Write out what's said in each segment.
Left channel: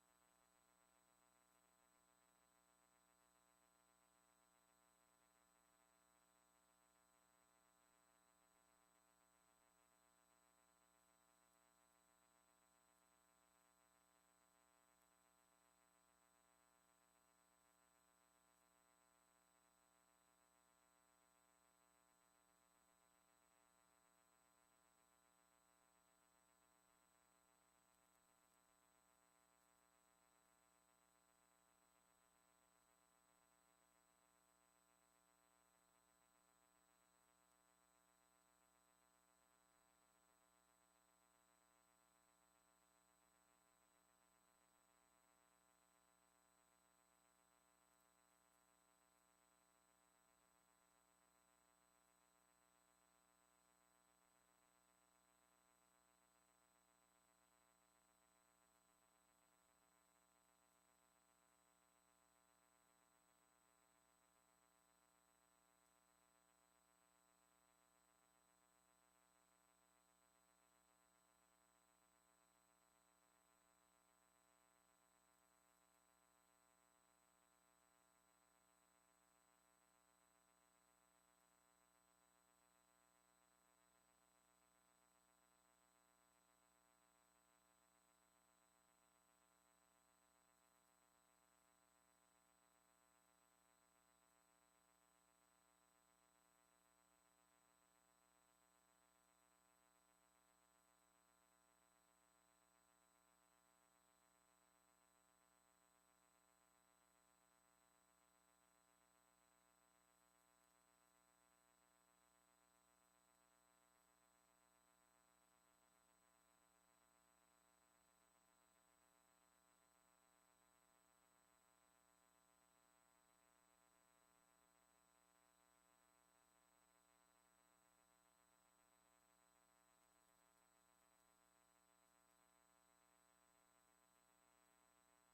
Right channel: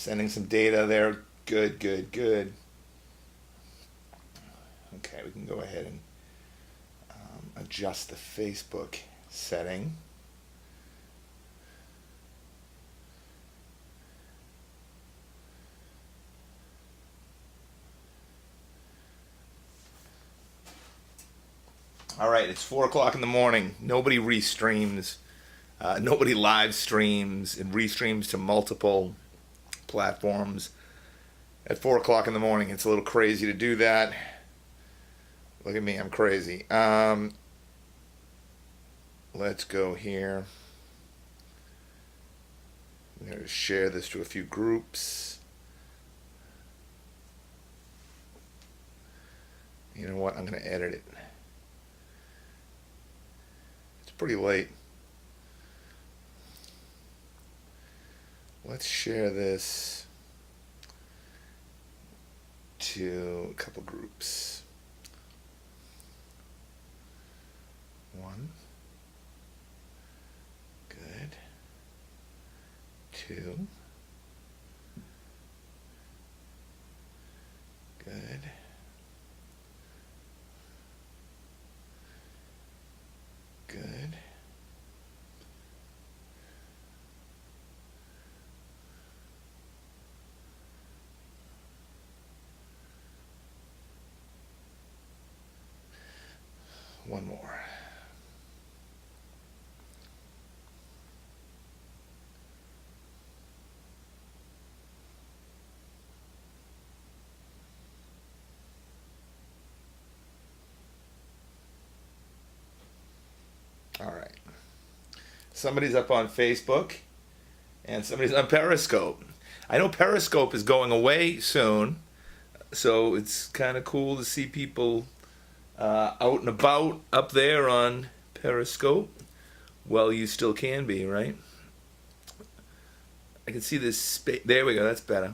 Sending some data there. Good, good, good. Okay, we can go ahead and adjust the Facebook setting. All right, it's 4 o'clock in the morning. Nobody restreams. Nobody live streams and restreams to multiple platforms at 4 o'clock in the morning. It's a little crazy to do that. Look at me, I'm crazy. Let's go here. I'm going to share this to a few groups. You know what? I'm going to edit it. It's pretty late. Let's share this to a couple groups. 1. Good. 2. Good. Good. One more. All right. Somebody's up on Facebook and somebody's on Periscope. I know Periscope is going away soon, so it's kind of cool to see people out and about up there on Periscope. Well, you still can be, right? I can see this space. There we go, that's better.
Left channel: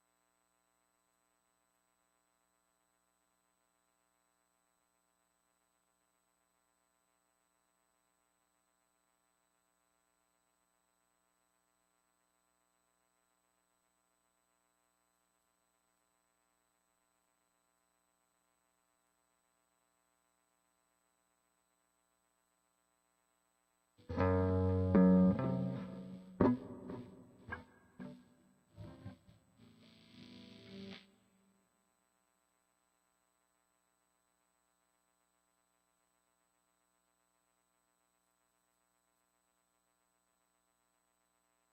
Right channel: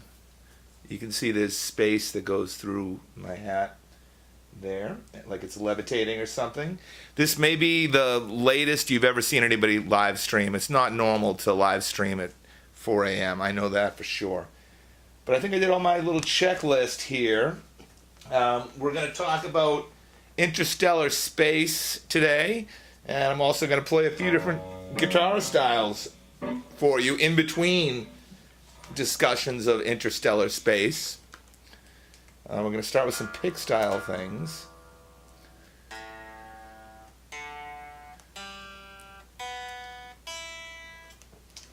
You can see this space that goes through my hat there, like it's levitating or something. This may be the latest you've ever seen anybody live stream. It's not normal to live stream at 4 a.m. I know that for sure. But I think I did all my little checklist here. We're going to talk about interstellar space today, and I'm also going to play a few different guitar styles for you in between discussions of interstellar space. We're going to start with some pick style things.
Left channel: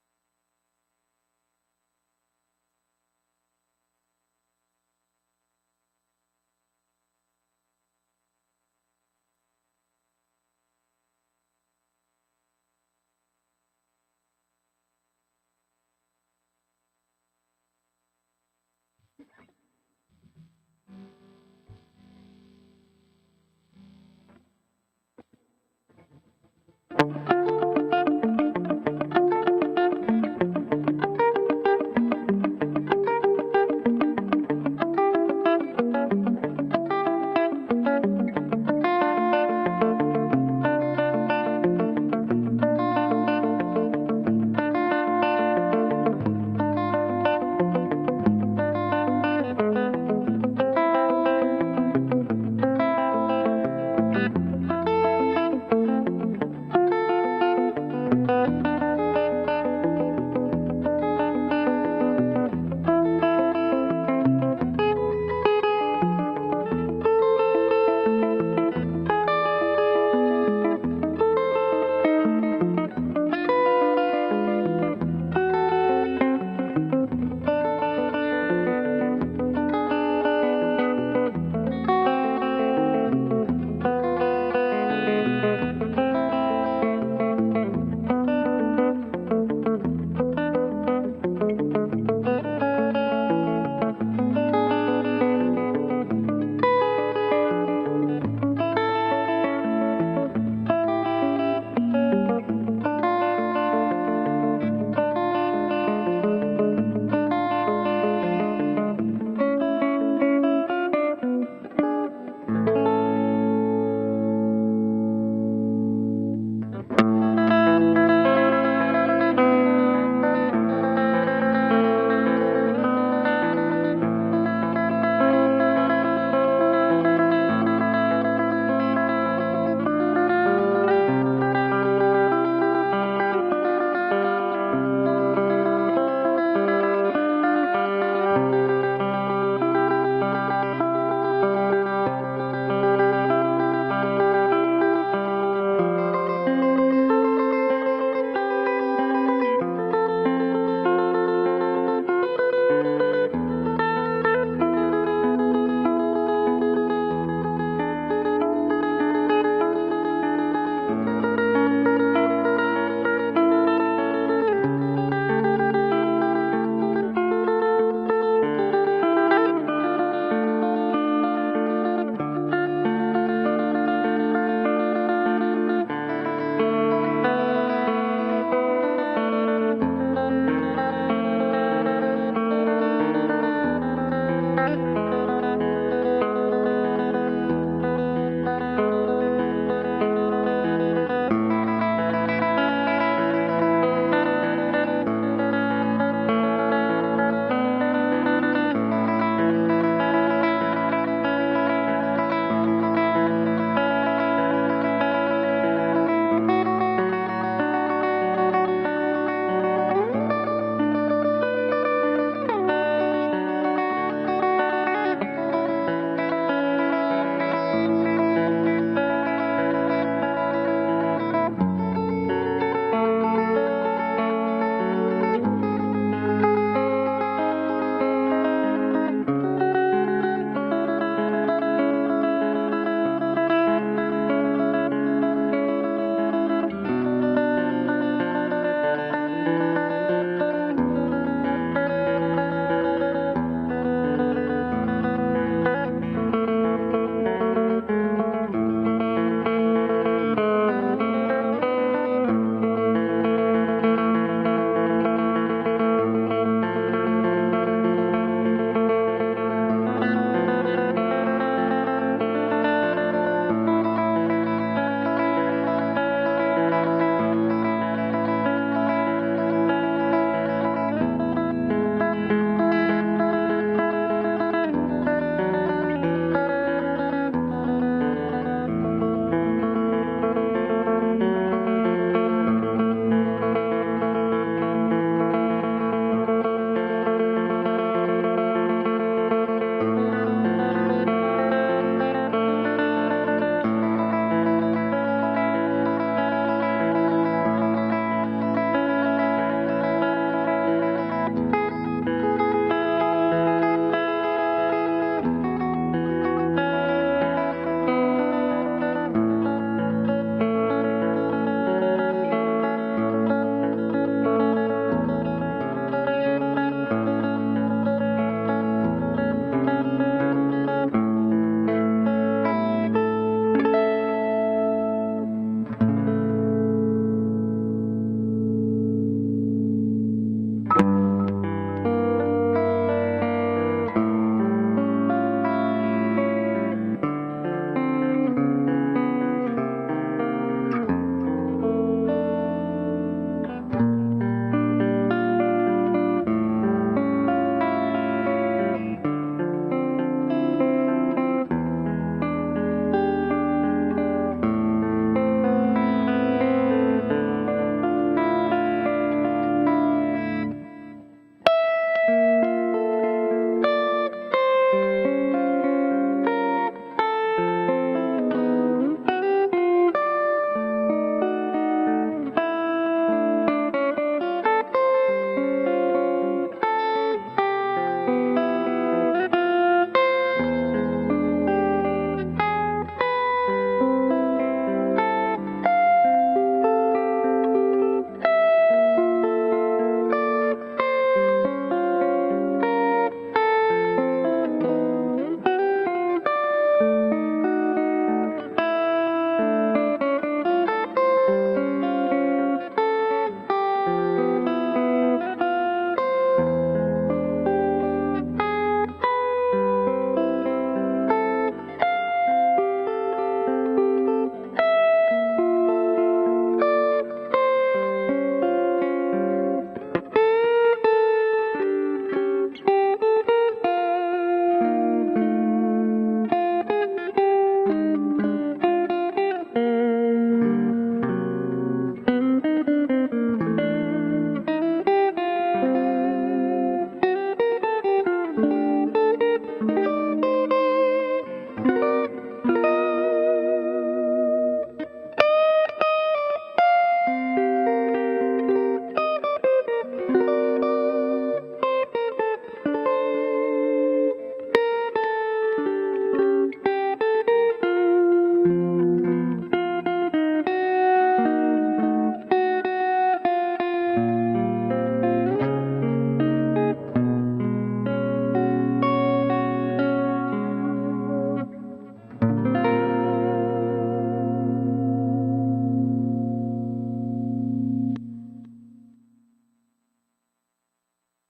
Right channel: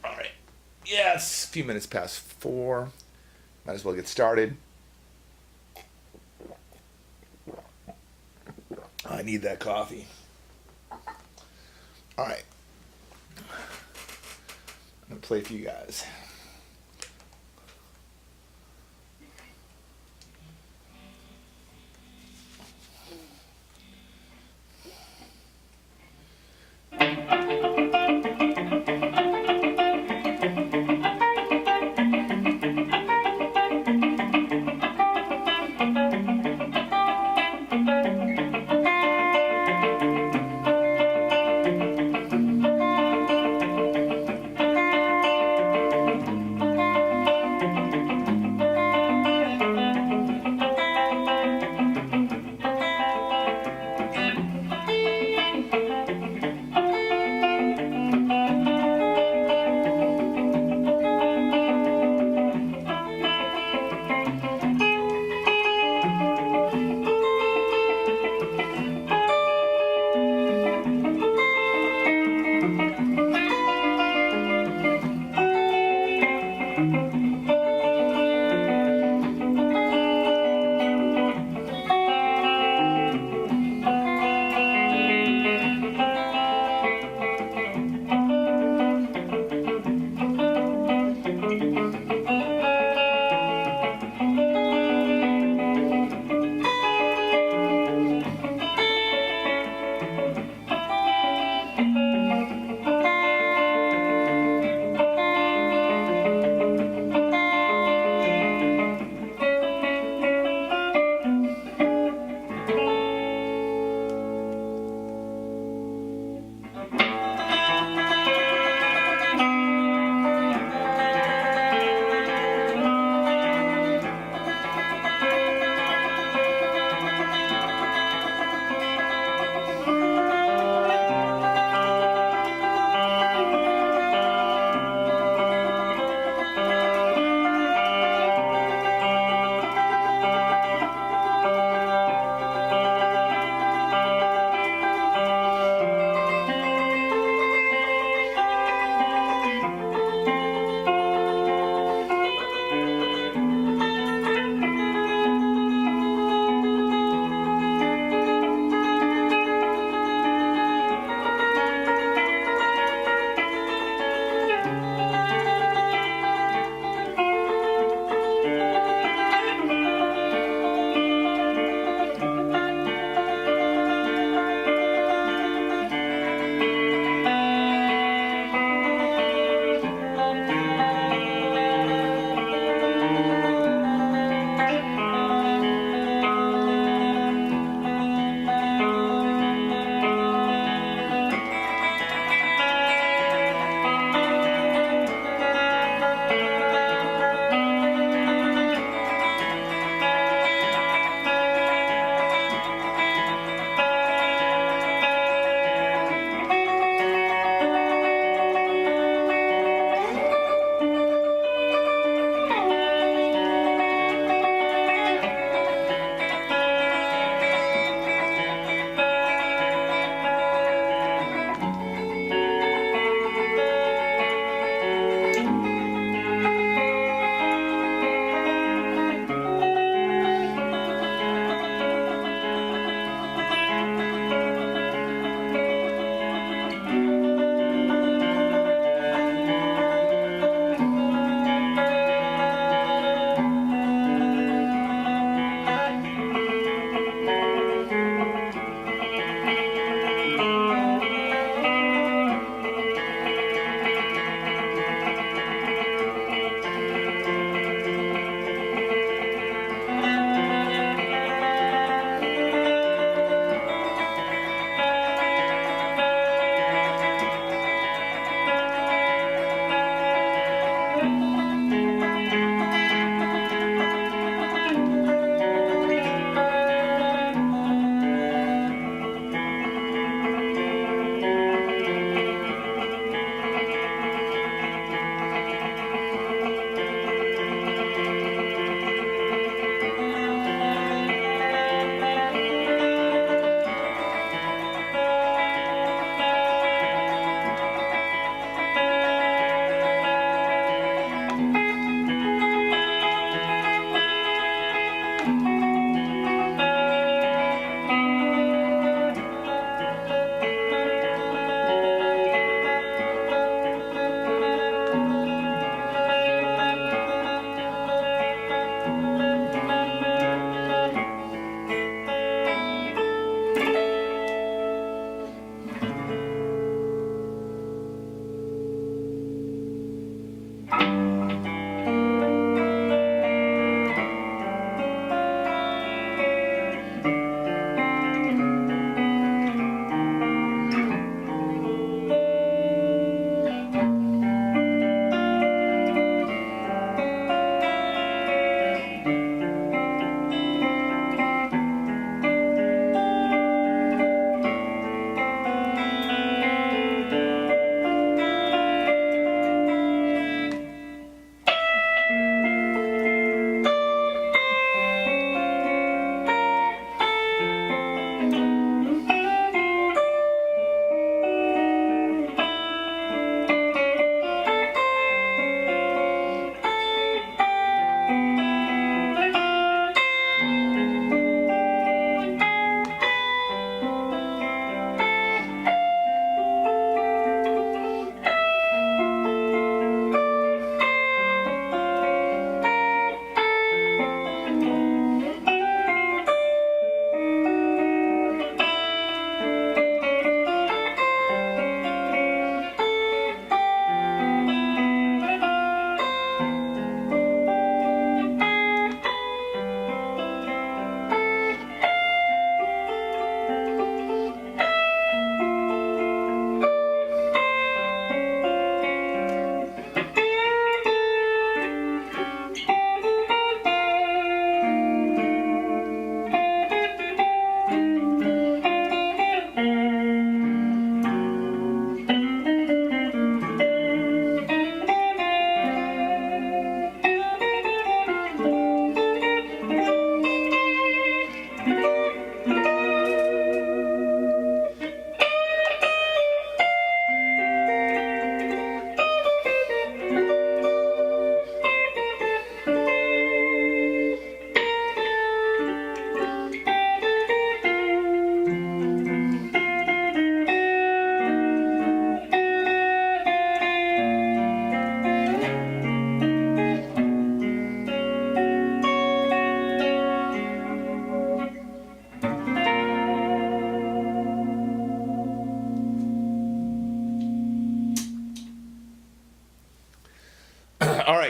All right. Yeah, it's a few minutes past 4. Might as well get started. I need that coffee. All right. I'm going to play for you guys.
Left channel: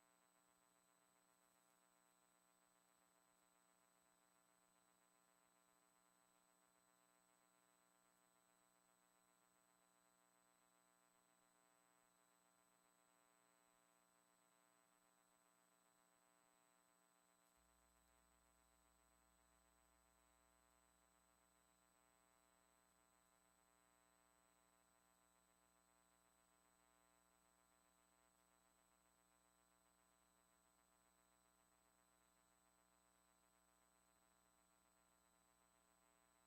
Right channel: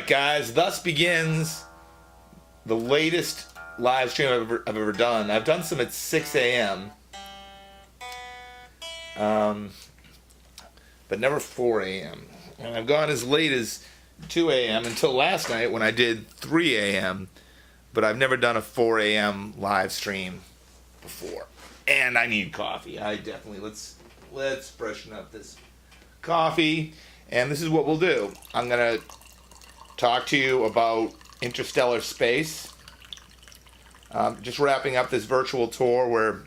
right, guys. Thus begins the latest live stream I've ever done. I've done some at 6 a.m. But never 4 a.m. And I've gone as late as 2 a.m. until last night when I did 3 a.m. But I've never done a 4 a.m. live stream before. And I need coffee. I definitely, let's freshen up this coffee. And this is what we'll do. I'm going to talk to you about interstellar space. Just wrapping up this virtual tour where,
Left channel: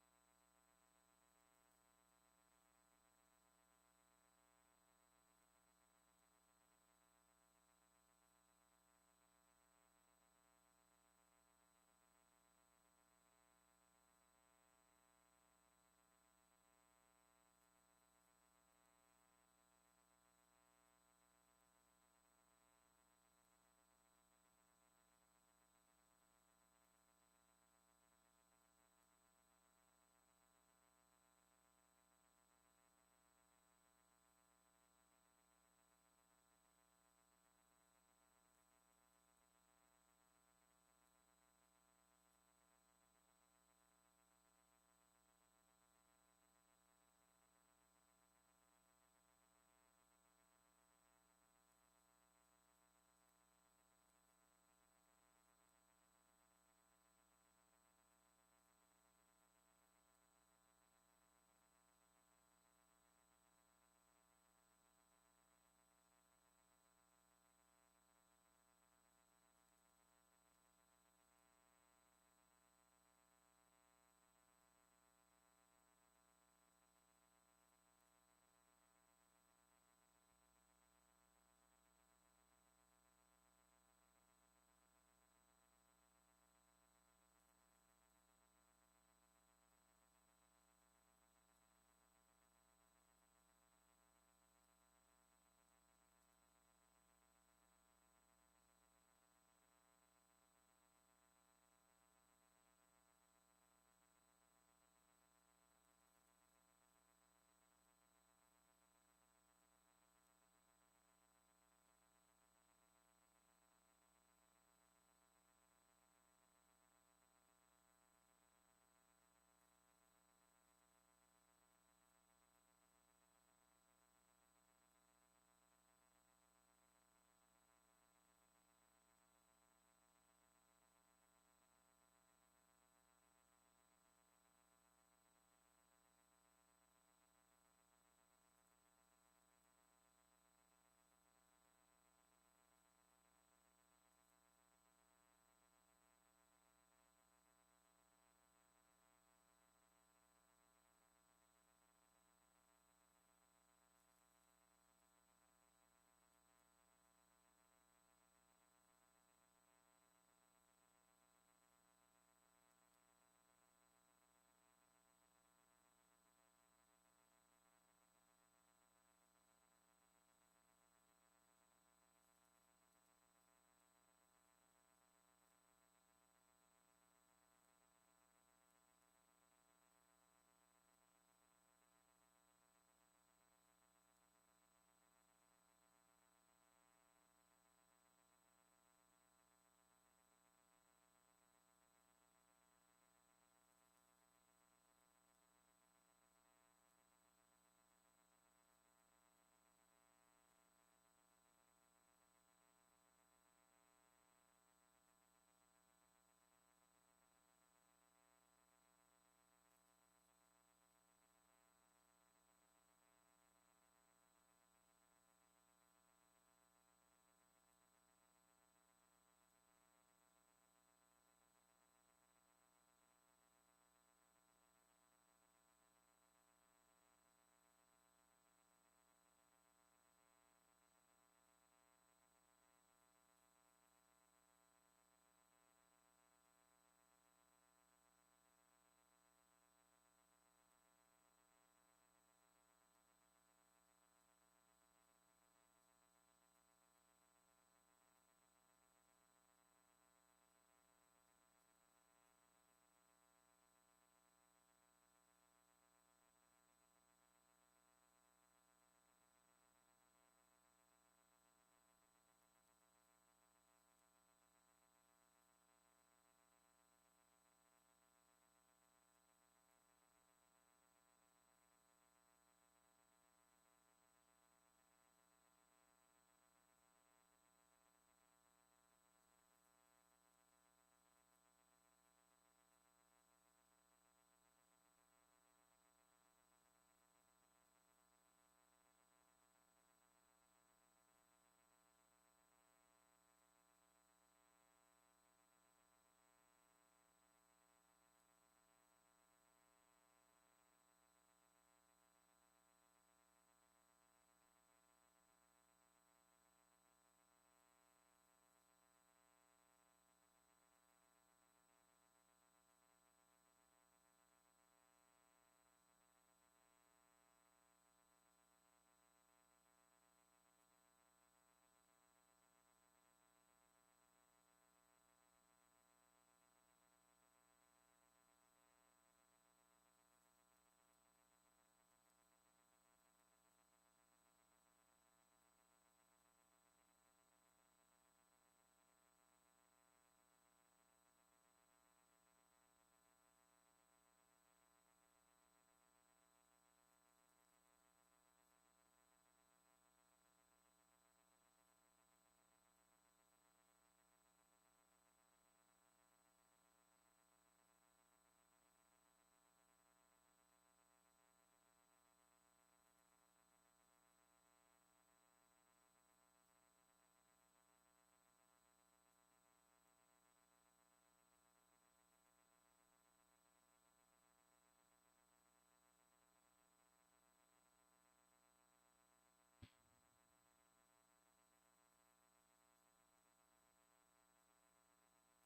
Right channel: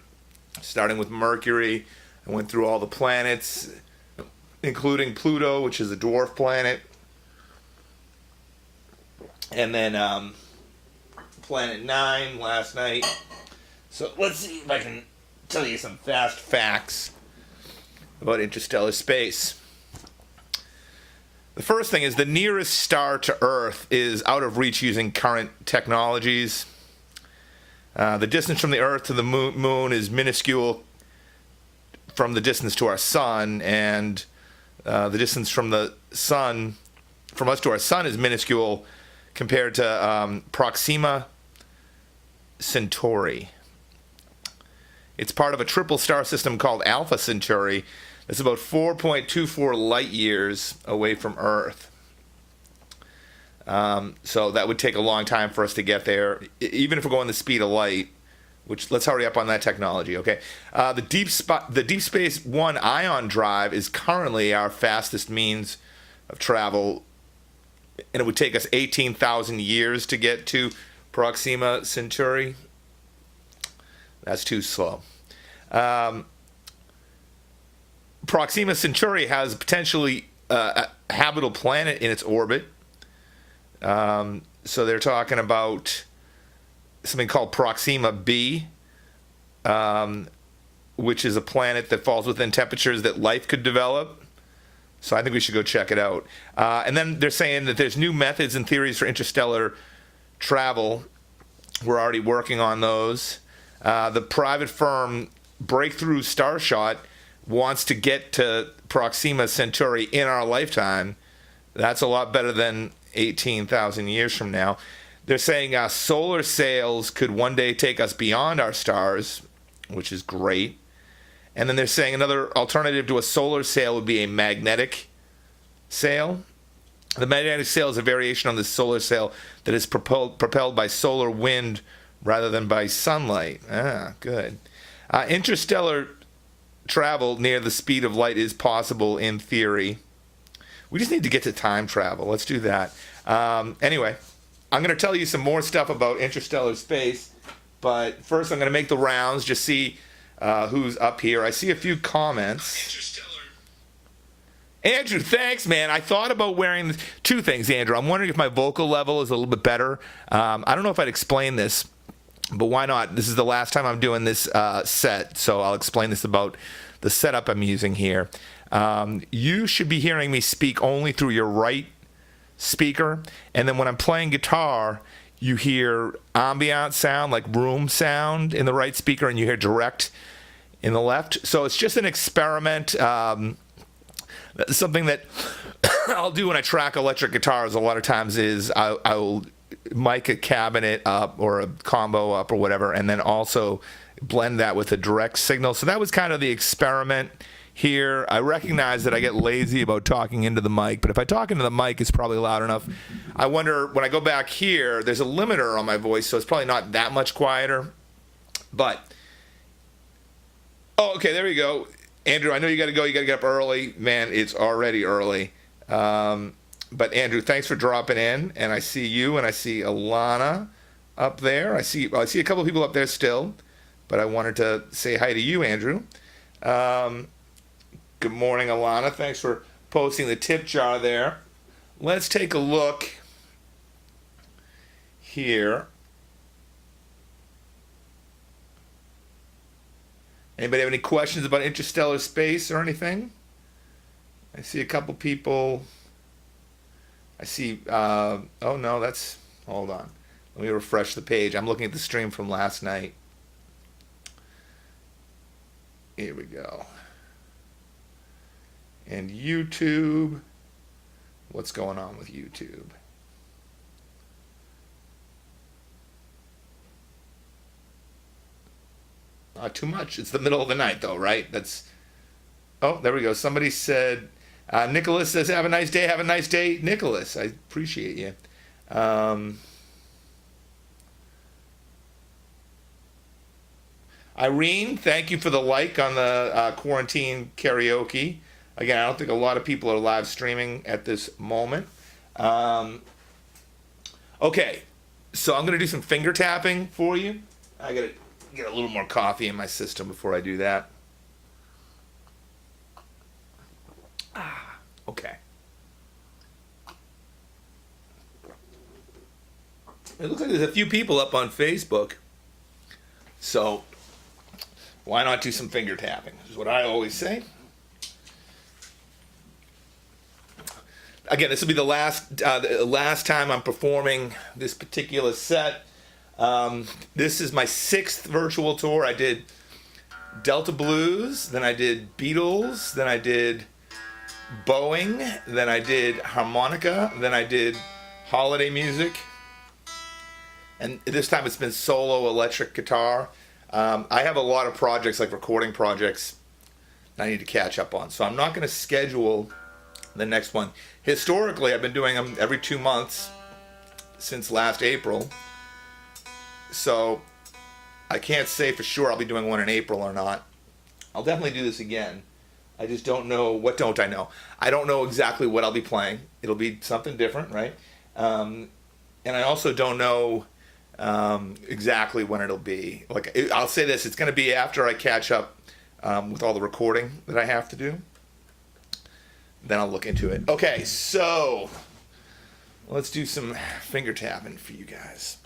starting with Mercury, I went through all the planets, including Pluto, which is a dwarf planet. And then Planet 9 last night. So let's see if I can tell you some fast facts about interstellar space. The first thing is the nearest star to Earth is out of reach using current technologies. The distance from the Earth to the moon is minuscule from the distance to our sun, and the distance from the sun, from us to our sun, is minuscule compared to Proxima Centauri. It's part of a triple star system called Alpha Centauri. It's about 4.24 light years away from Earth. So that would take a long time for us to get there, even if we're going the speed of light, which, let's hurry up on that technology, okay? The Deep Space One ion drive is currently our fastest means of travel, and it would take us 18,000 years to get to Proxima Centauri. That's too slow. Proxima Centauri has potentially a habitable planet in its orbit. So they're talking about something called Proxima b, which is a planet that falls within temperatures that life could develop. So I think we should go check it out. And then they're saying that there's new methods and theories for interstellar travel. We're already working on those. The private firm Breakthrough Starshot wants to get to Proxima Centauri in our lifetime. That's a lot better than 18,000 years from now. They're saying solar sails could one day take us beyond our stars, which is great. And then they're saying another alternative to a solar sail would be a magnetic sail. The magnetic sail is a variation on the solar sail that is propelled by solar wind rather than by sunlight. Good. Interstellar travel near the speed of light is possible in theory. We just need to get to time travel. Let's do that. Anyway, I'm going to tell you some more stuff about interstellar space, but first I'm going to make the rounds, just see who's up here. I see a few comments. Andrew, thanks, man. I thought about wearing two things, Andrew. I'm wondering if my vocal level is a little bit better. I don't know if I'd explain this, but why not? This is the last time I'm doing this set, so I'll explain this about the setup I'm using here. You should be hearing me speak only through your right speaker, and then when I'm playing guitar, you hear ambient sound, like room sound, in the right speaker, and you hear direct in the left. So it's just an experiment. Something that I'll do when I track electric guitars a lot of times is I'll mic a cabinet up or a combo up or whatever, and then also blend that with a direct signal. So that was kind of the experiment here. I recognize that I get lazy about talking into the mic, but if I talk into the mic, it's probably loud enough. I wonder, when I go back here, there's a limiter on my voice, so it's probably not that much quieter. But, oh, okay, there you go. Andrew, I know you got to go. You got to get up early. Man, it's already early. But, Andrew, thanks for dropping in. And I see you, and I see Alana up there. I see a couple of people up there still, but I wanted to say hi to you, Andrew. Good morning, Alana. Thanks for posting the tip jar there. Let's take a look here. Anybody have any questions about interstellar space or anything? I see a couple people. I see, oh no, hold on. Let me refresh the page. I'm looking at the stream from last night. Here we go. And YouTube. What's going on with YouTube? Not too much. It's the middle of the night, though, right? That's. Oh, there we go. Somebody said, Nicholas says, "Have a nice day. Have a nice day, Nicholas." I appreciate you. Irene, thank you for the like on the quarantine karaoke. Again, I don't think a lot of people are live streaming at this moment. Okay, so I'm gonna do some finger tapping for you. I gotta get a little more coffee in my system before I do that. Okay. It looks like there's a few people up on Facebook. So why not do some finger tapping? Is what I always say. Again, this will be the last time I'm performing this particular set. This is my 6th virtual tour. I did Delta Blues, then I did Beatles, then I did Boeing, then I did harmonica, then I did holiday music, and this time it's been solo electric guitar. I have a lot of projects, like recording projects, I need to catch up on, so I'm not going to schedule the next one. Historically, I've been doing them every 2 months since last April, so I can't say for sure I'll be doing one in April or not. I'll definitely do this again. I just don't know. What don't I know? I don't know exactly what I'll be playing. It'll be something different, right? And I also don't know exactly when it'll be. Like, I'll say this, it's going to be after I catch up with all the recording that I have to do. Then I'll look into it. Okay, so let's do some finger tapping for you guys.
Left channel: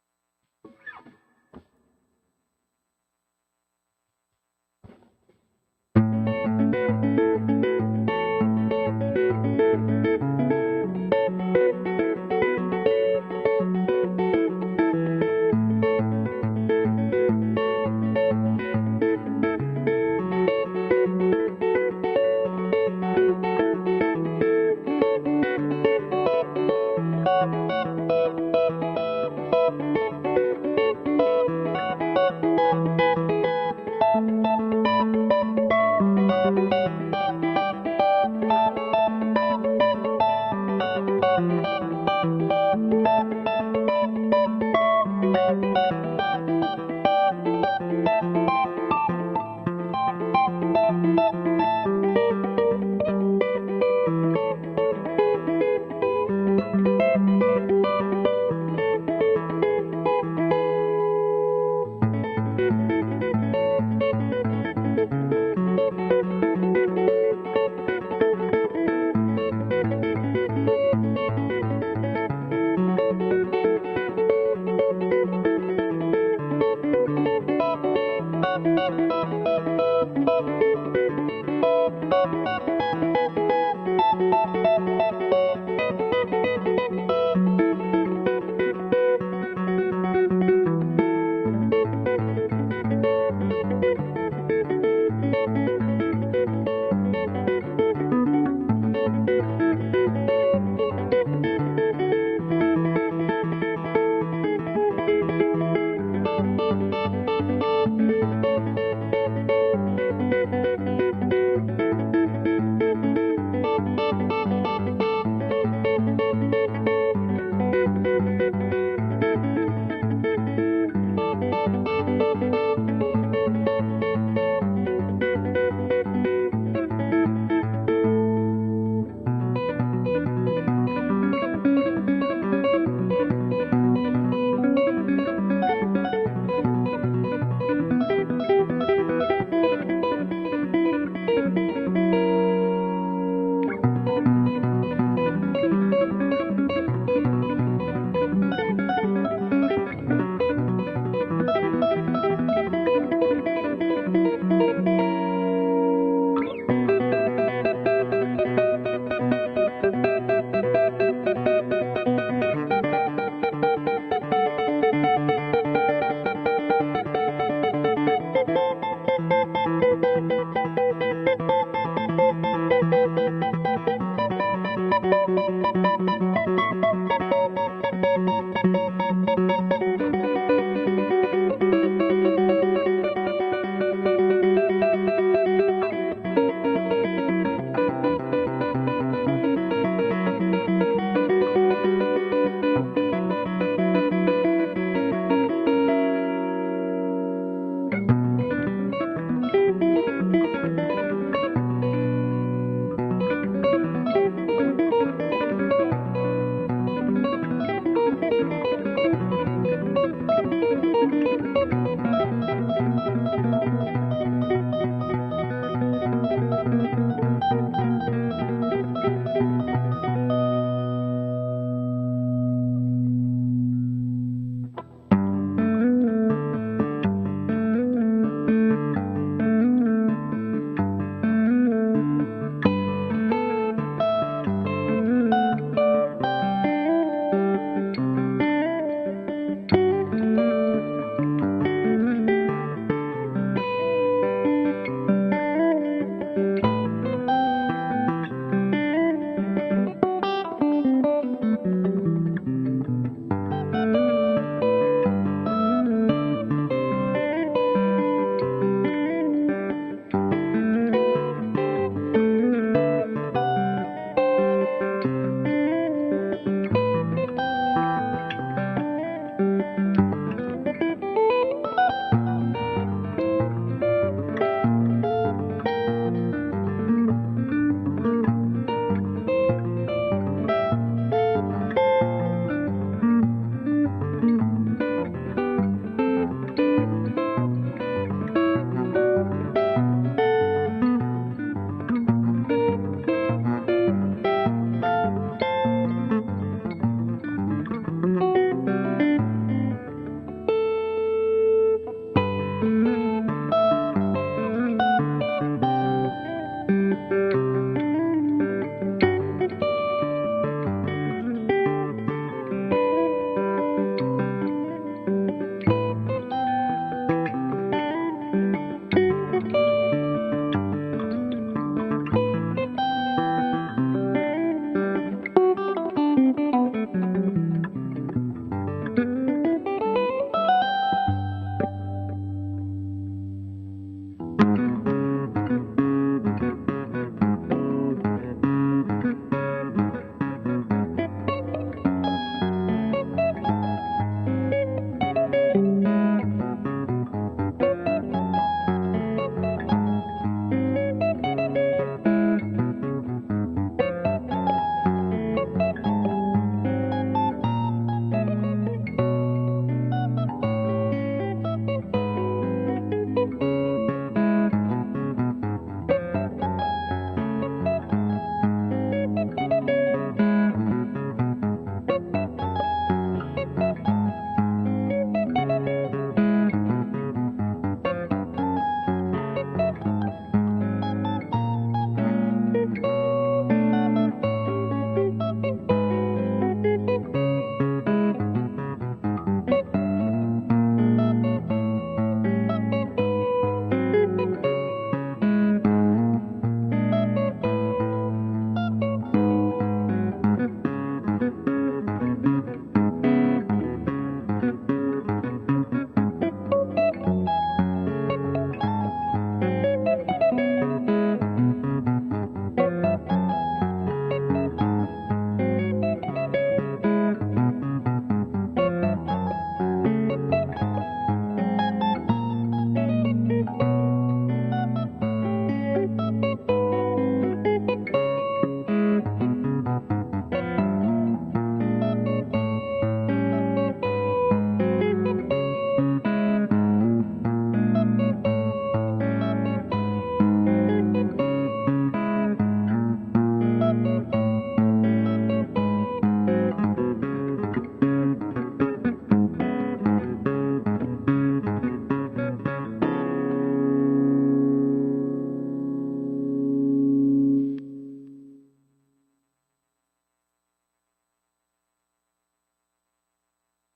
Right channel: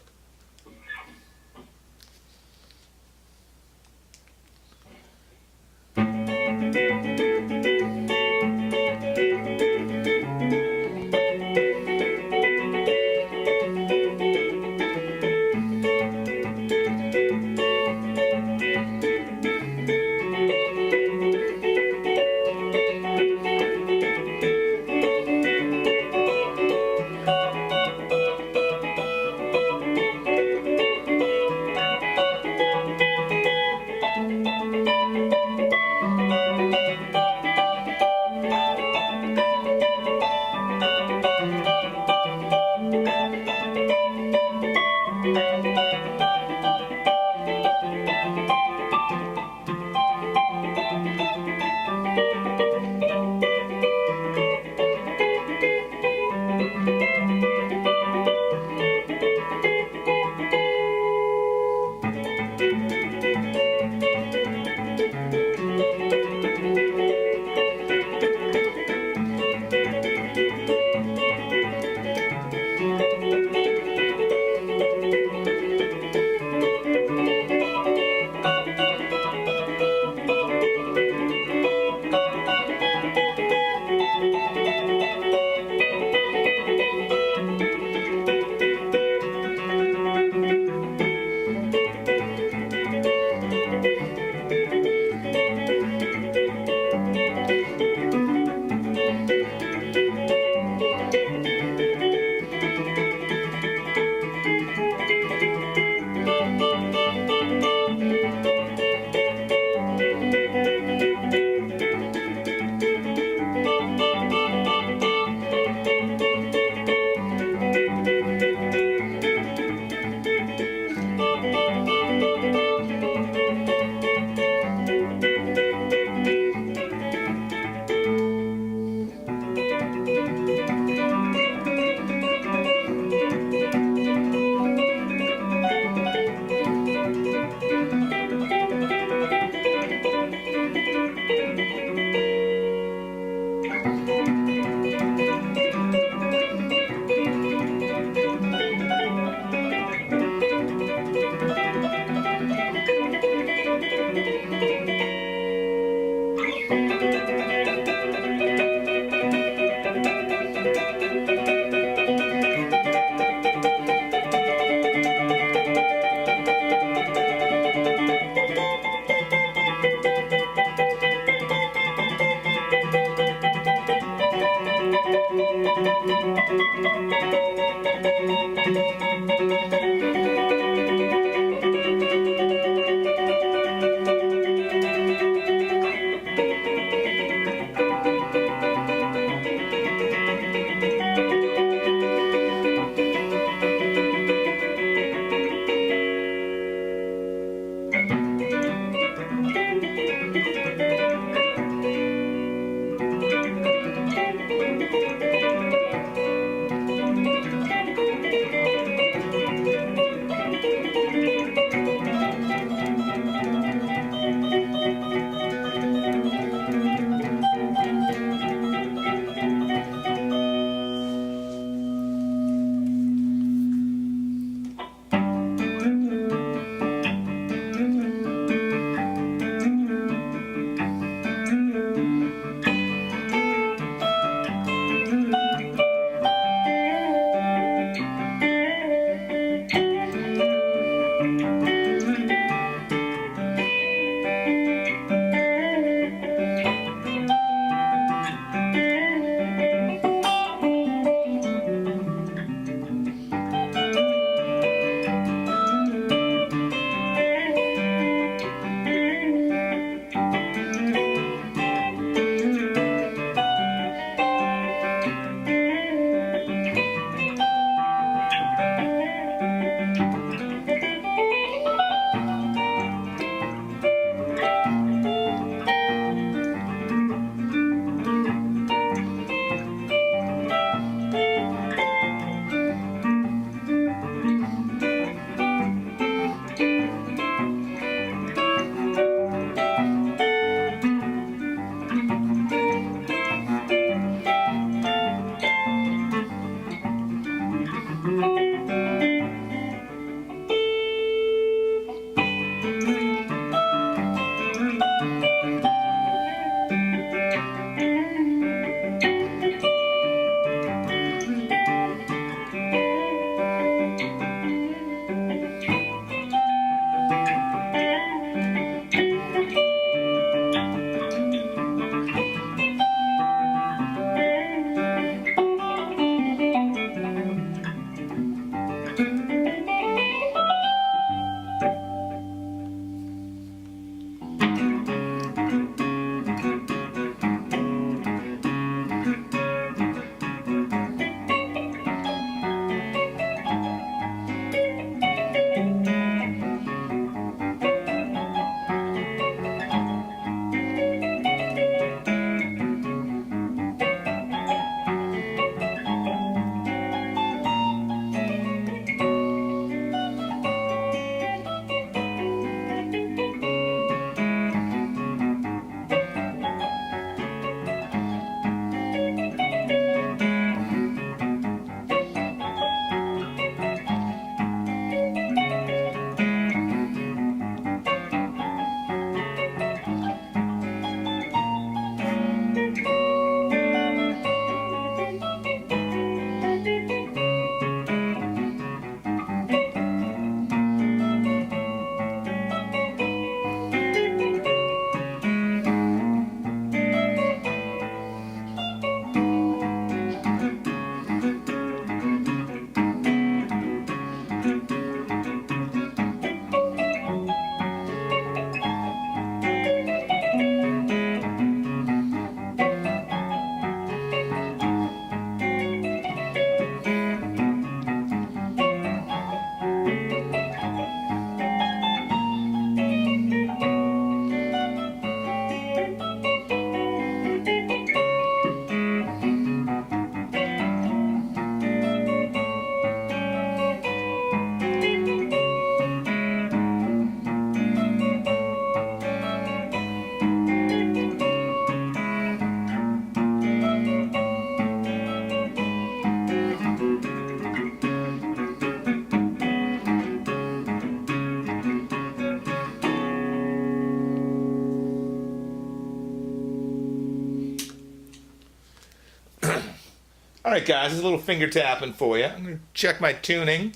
All right, guys, this is a little finger tapping for you. I'm going to check my tuning,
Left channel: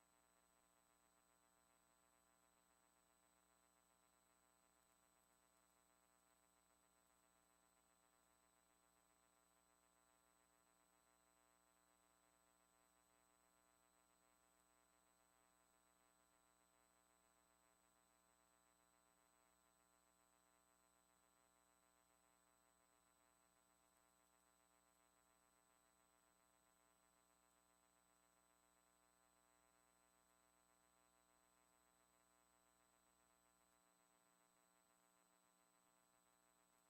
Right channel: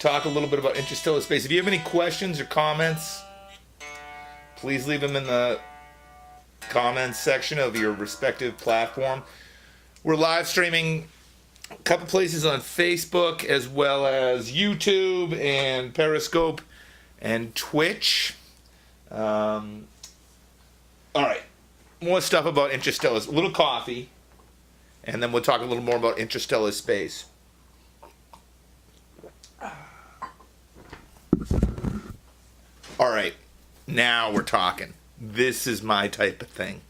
talk a little bit about interstellar space. If you have any questions or comments, please leave them in the comments section of your respective platform. We're live streaming a couple places on Facebook, as well as YouTube and Periscope and Twitch. All right, more stuff about interstellar. A little coffee, and then we'll talk a little more about interstellar space. All right, now we're talking. This is my type of thing.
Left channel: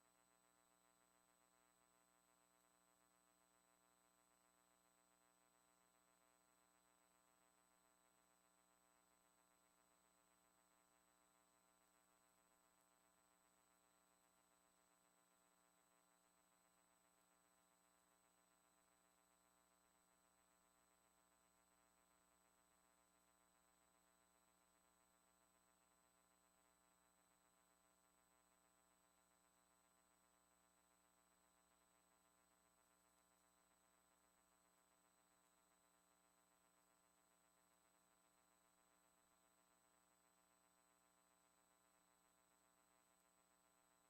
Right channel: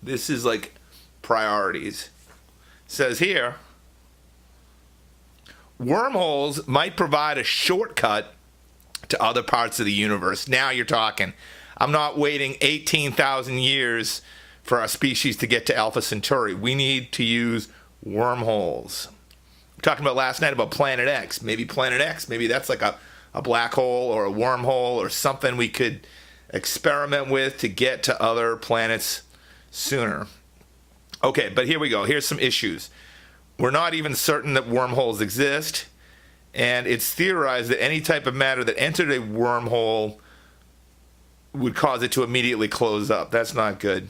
This is like priorities. It says here, wormholes might provide a shortcut to other parts of the universe. Now you're talking. I'm not waiting 18,000 years for our species to get to Alpha Centauri. We need to use wormholes. We talked about last night about Planet X. Maybe Planet X, maybe that's like a black hole or a wormhole or something we could experiment with to get to other planets sooner. Okay, but here we go. Here's some issues. We're not even certain that wormholes exist, and it's theorized that any type of matter that entered a wormhole would cause it to immediately close up. That's not good.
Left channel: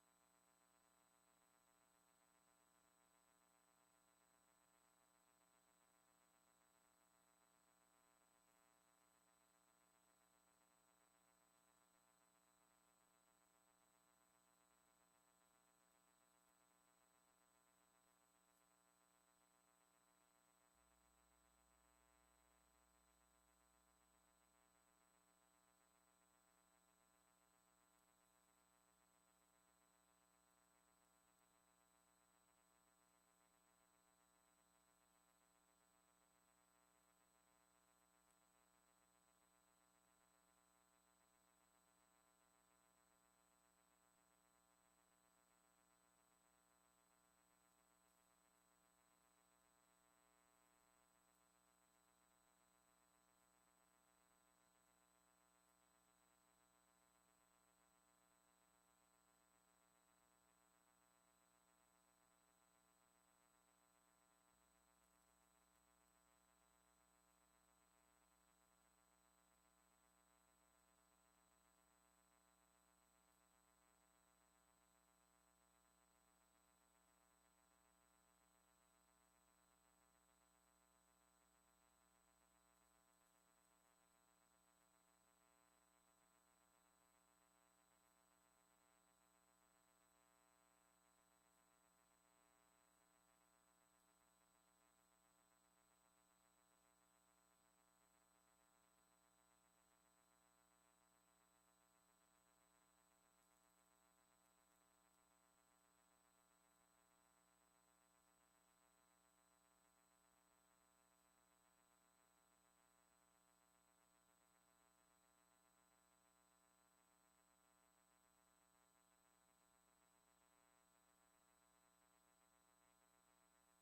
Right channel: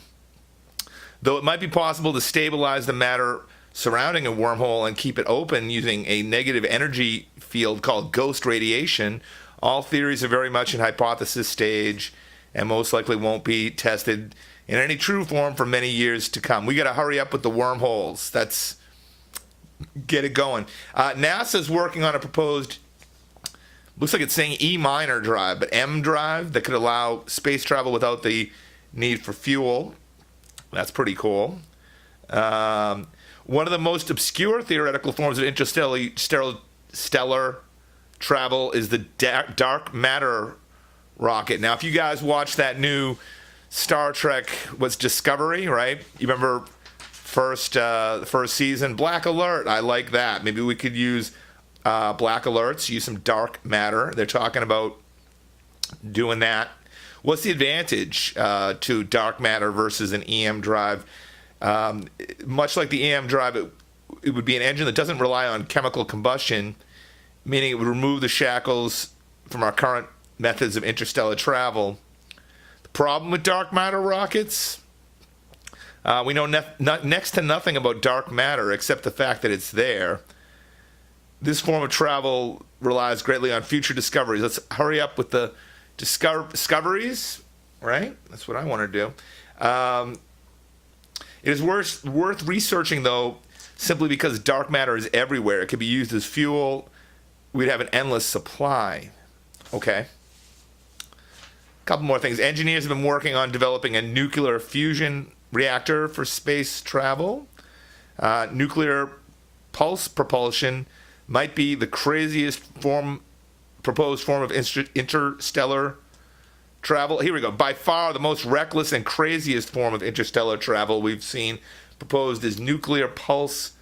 Though it might be possible to stabilize the matter surrounding a wormhole and keep it open using a negative energy field called ghost radiation, all theories are very much in hypothesis stage and most likely won't be tested in any true form for many years to come. We got to hurry up with the wormholes. Get it going. NASA's working on a proposed, looks like it's saying E minor drive, but M drive that could allow space travel without the need for fuel. That's pretty cool. One of the most obscure theoretical forms of interstellar travel is the dark matter rocket. Now, if you guys watch that new Star Trek, what's Discovery, right? You remember first season, Black Alert. I like that. Maybe we could use black alerts, use some dark matter. They're talking about doing that. What's the advantage to dark matter versus an EM drive? Much like the EM drive, it would be an engine that doesn't rely on chemical combustion, meaning it would remove the shackles from our current methods of interstellar travel. The problem with dark matter rockets, we know next to nothing about dark matter except the fact that it's there. This form of travel relies greatly on future discoveries. Let's hurry up with the discoveries, right? That's what I want to do. It is worth researching, though, simply because dark matter is everywhere. It could be used as fuel. We'd have an endless supply. Okay. A couple more things. Engineers have been working on developing a nuclear fusion reactor for space travel. Nuclear pulse propulsion might be the craziest proposed form of interstellar travel. Here we go. By far the most reckless and craziest form of interstellar travel we've seen proposed is nuclear pulse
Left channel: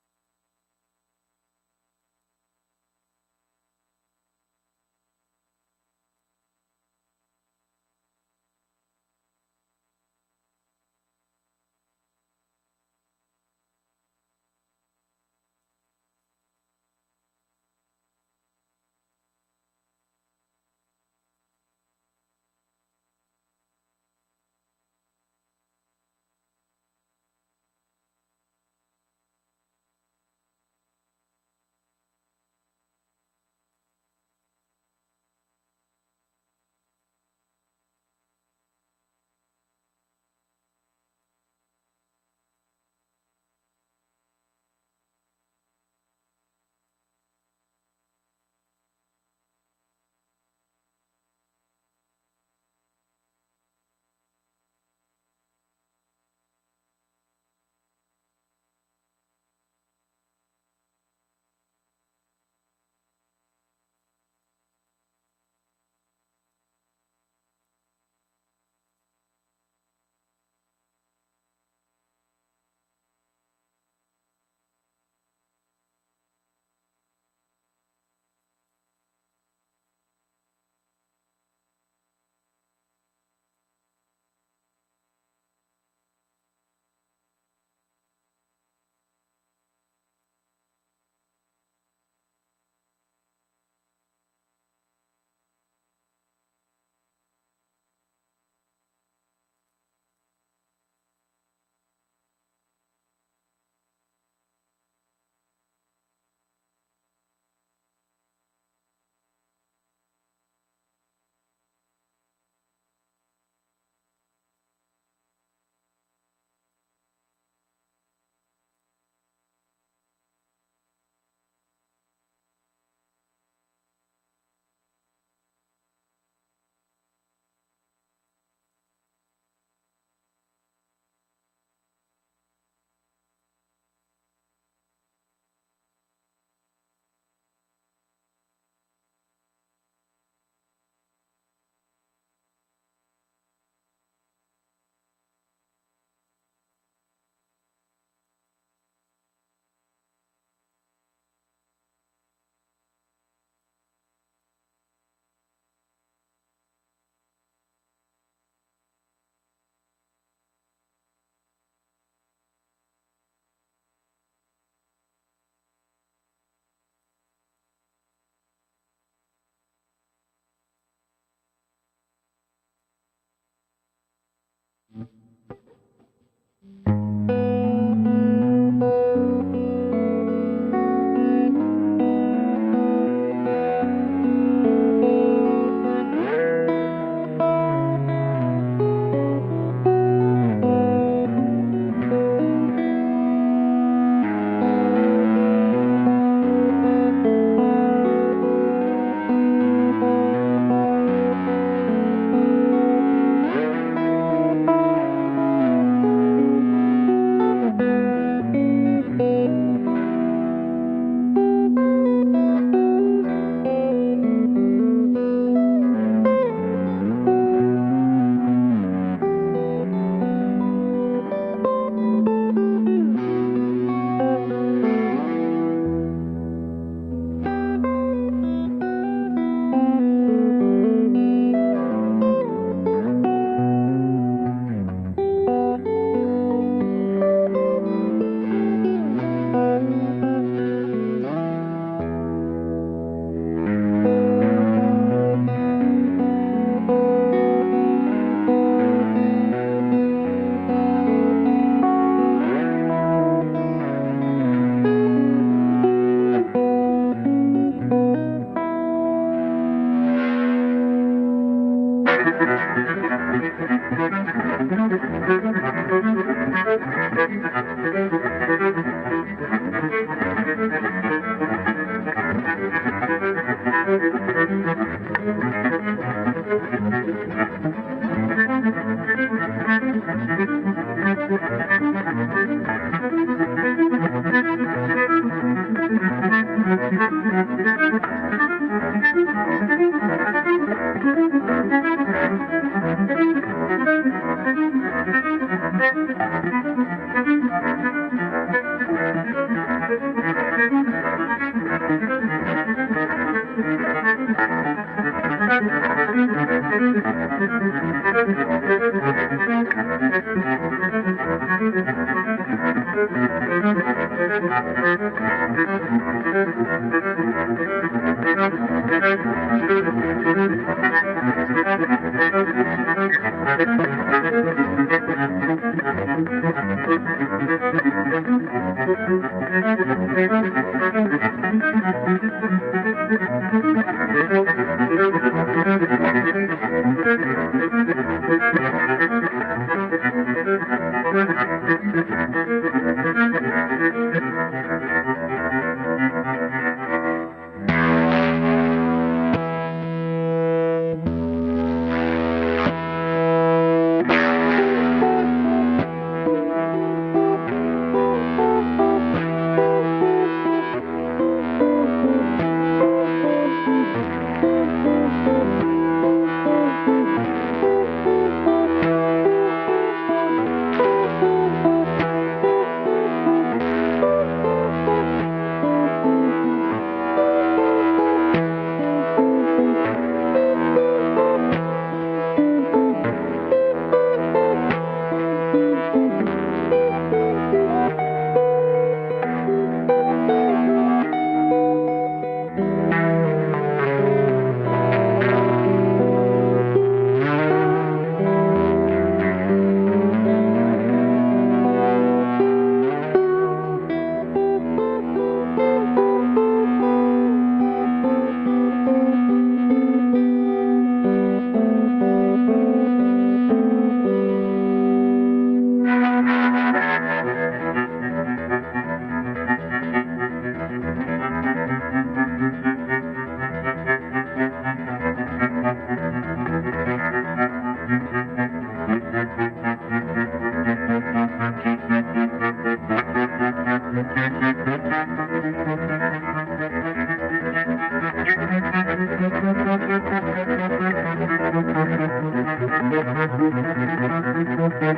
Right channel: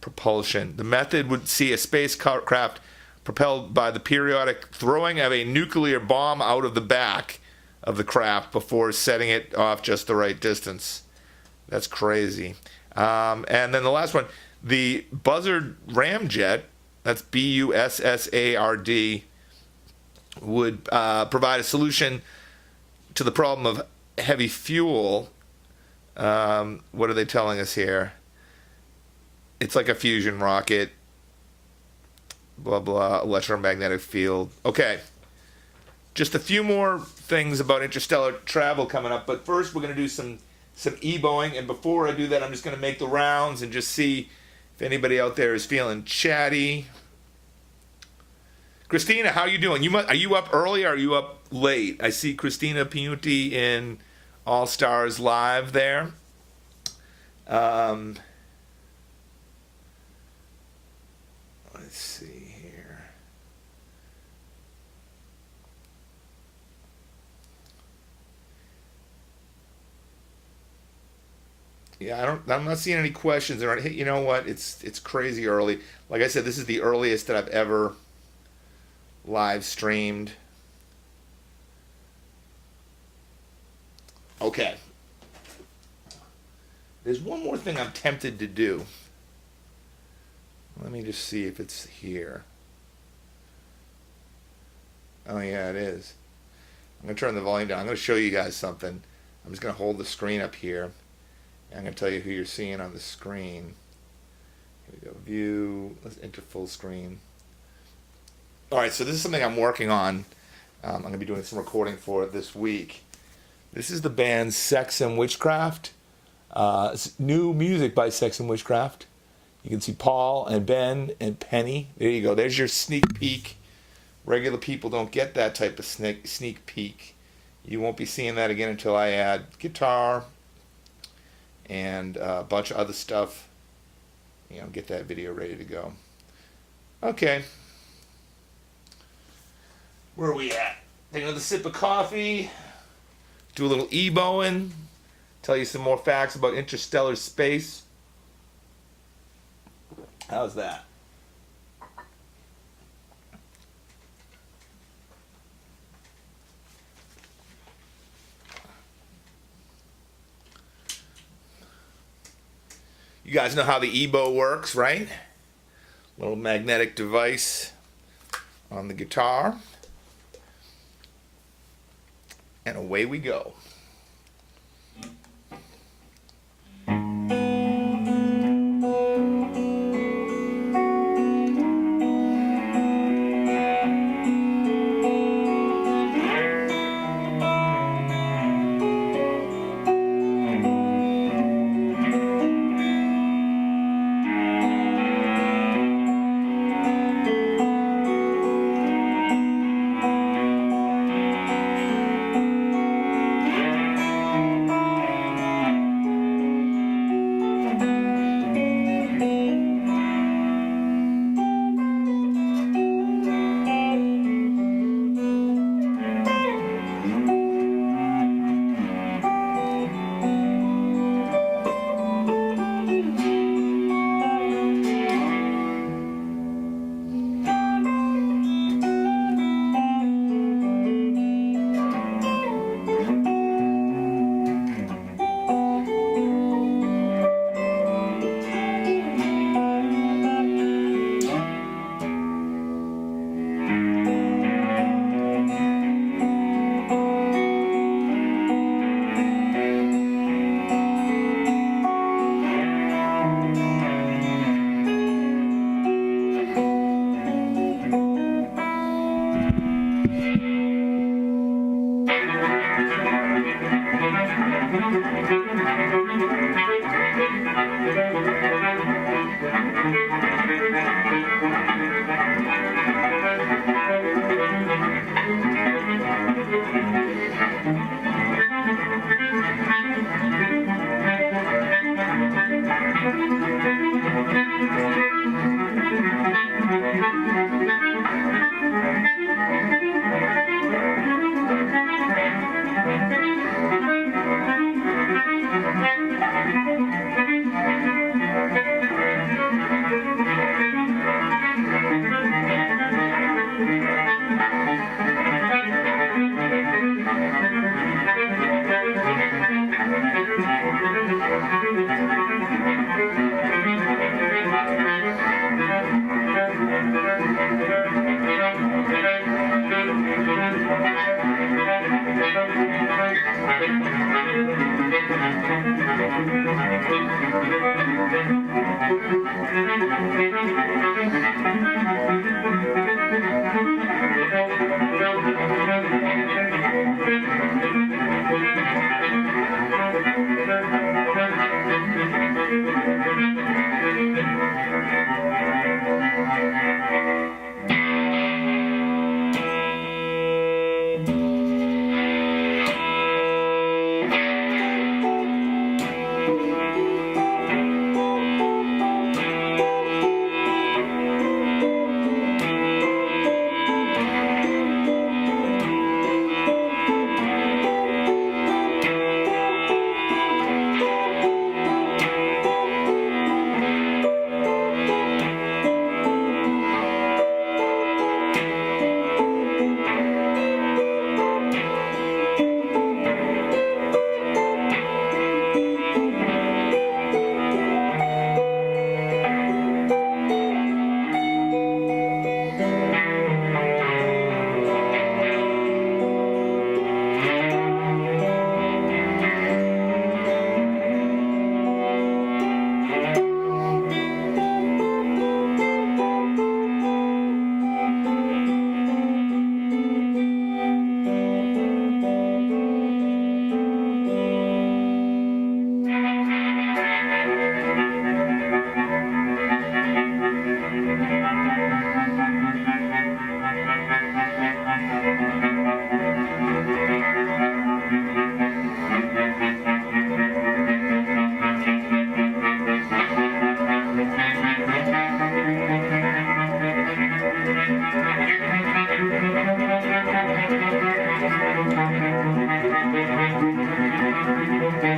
propulsion. The method would see a spacecraft propelled by the periodic throwing of a nuclear bomb out of the back of the craft before setting it off just the right distance. That's crazy. And then the last one, the Buzzard ramjet, that's Bussard, would provide a solution to the problem of heavy fuel. What are they telling us here? It's like a fusion rocket. Blah, blah, electromagnetic field. Okay. Just a few more things about interstellar travel coming up. But first, we're going to do some e-boing. And before I do that, I'm just going to make the rounds and just see if anybody out there is feeling chatty. Christina, how are you doing? Are you up early or are you up late? I see Christina Piunti in All Stars Live there. Let's see here. Yeah, I'm not seeing any questions. Hey, you know what? It's crazy early. Like I said, this is the earliest that I've ever live streamed. Okay. There's one more thing I'm tempted to do. Let me just see if it's here. Oh yeah, it is. I'm going to turn the volume down. I'm going to show you guys something. I'm just going to hold the screen up here. And I'm going to tell you who you're seeing on the screen. Here we go. View. Let's enter full screen. Alright, so this is something I'm working on. I'm going to be doing some recording for it this week. This is the band Sex and Witchcraft. It's new music by Sex and Witchcraft. You can see Paul and Ben and Penny. There you go. There's your sneak peek. Regular people don't get that type of sneak peek. You won't be seeing that again until I add guitar and a bunch of other stuff. You know, get that video ready to go. Okay. Where are we at? Take another sip of coffee. Do a little e-bowing. Tell you some more facts about interstellar space. How's that? You guys know how the e-bow works, right? Little magnetic device on the guitar. And away we go. All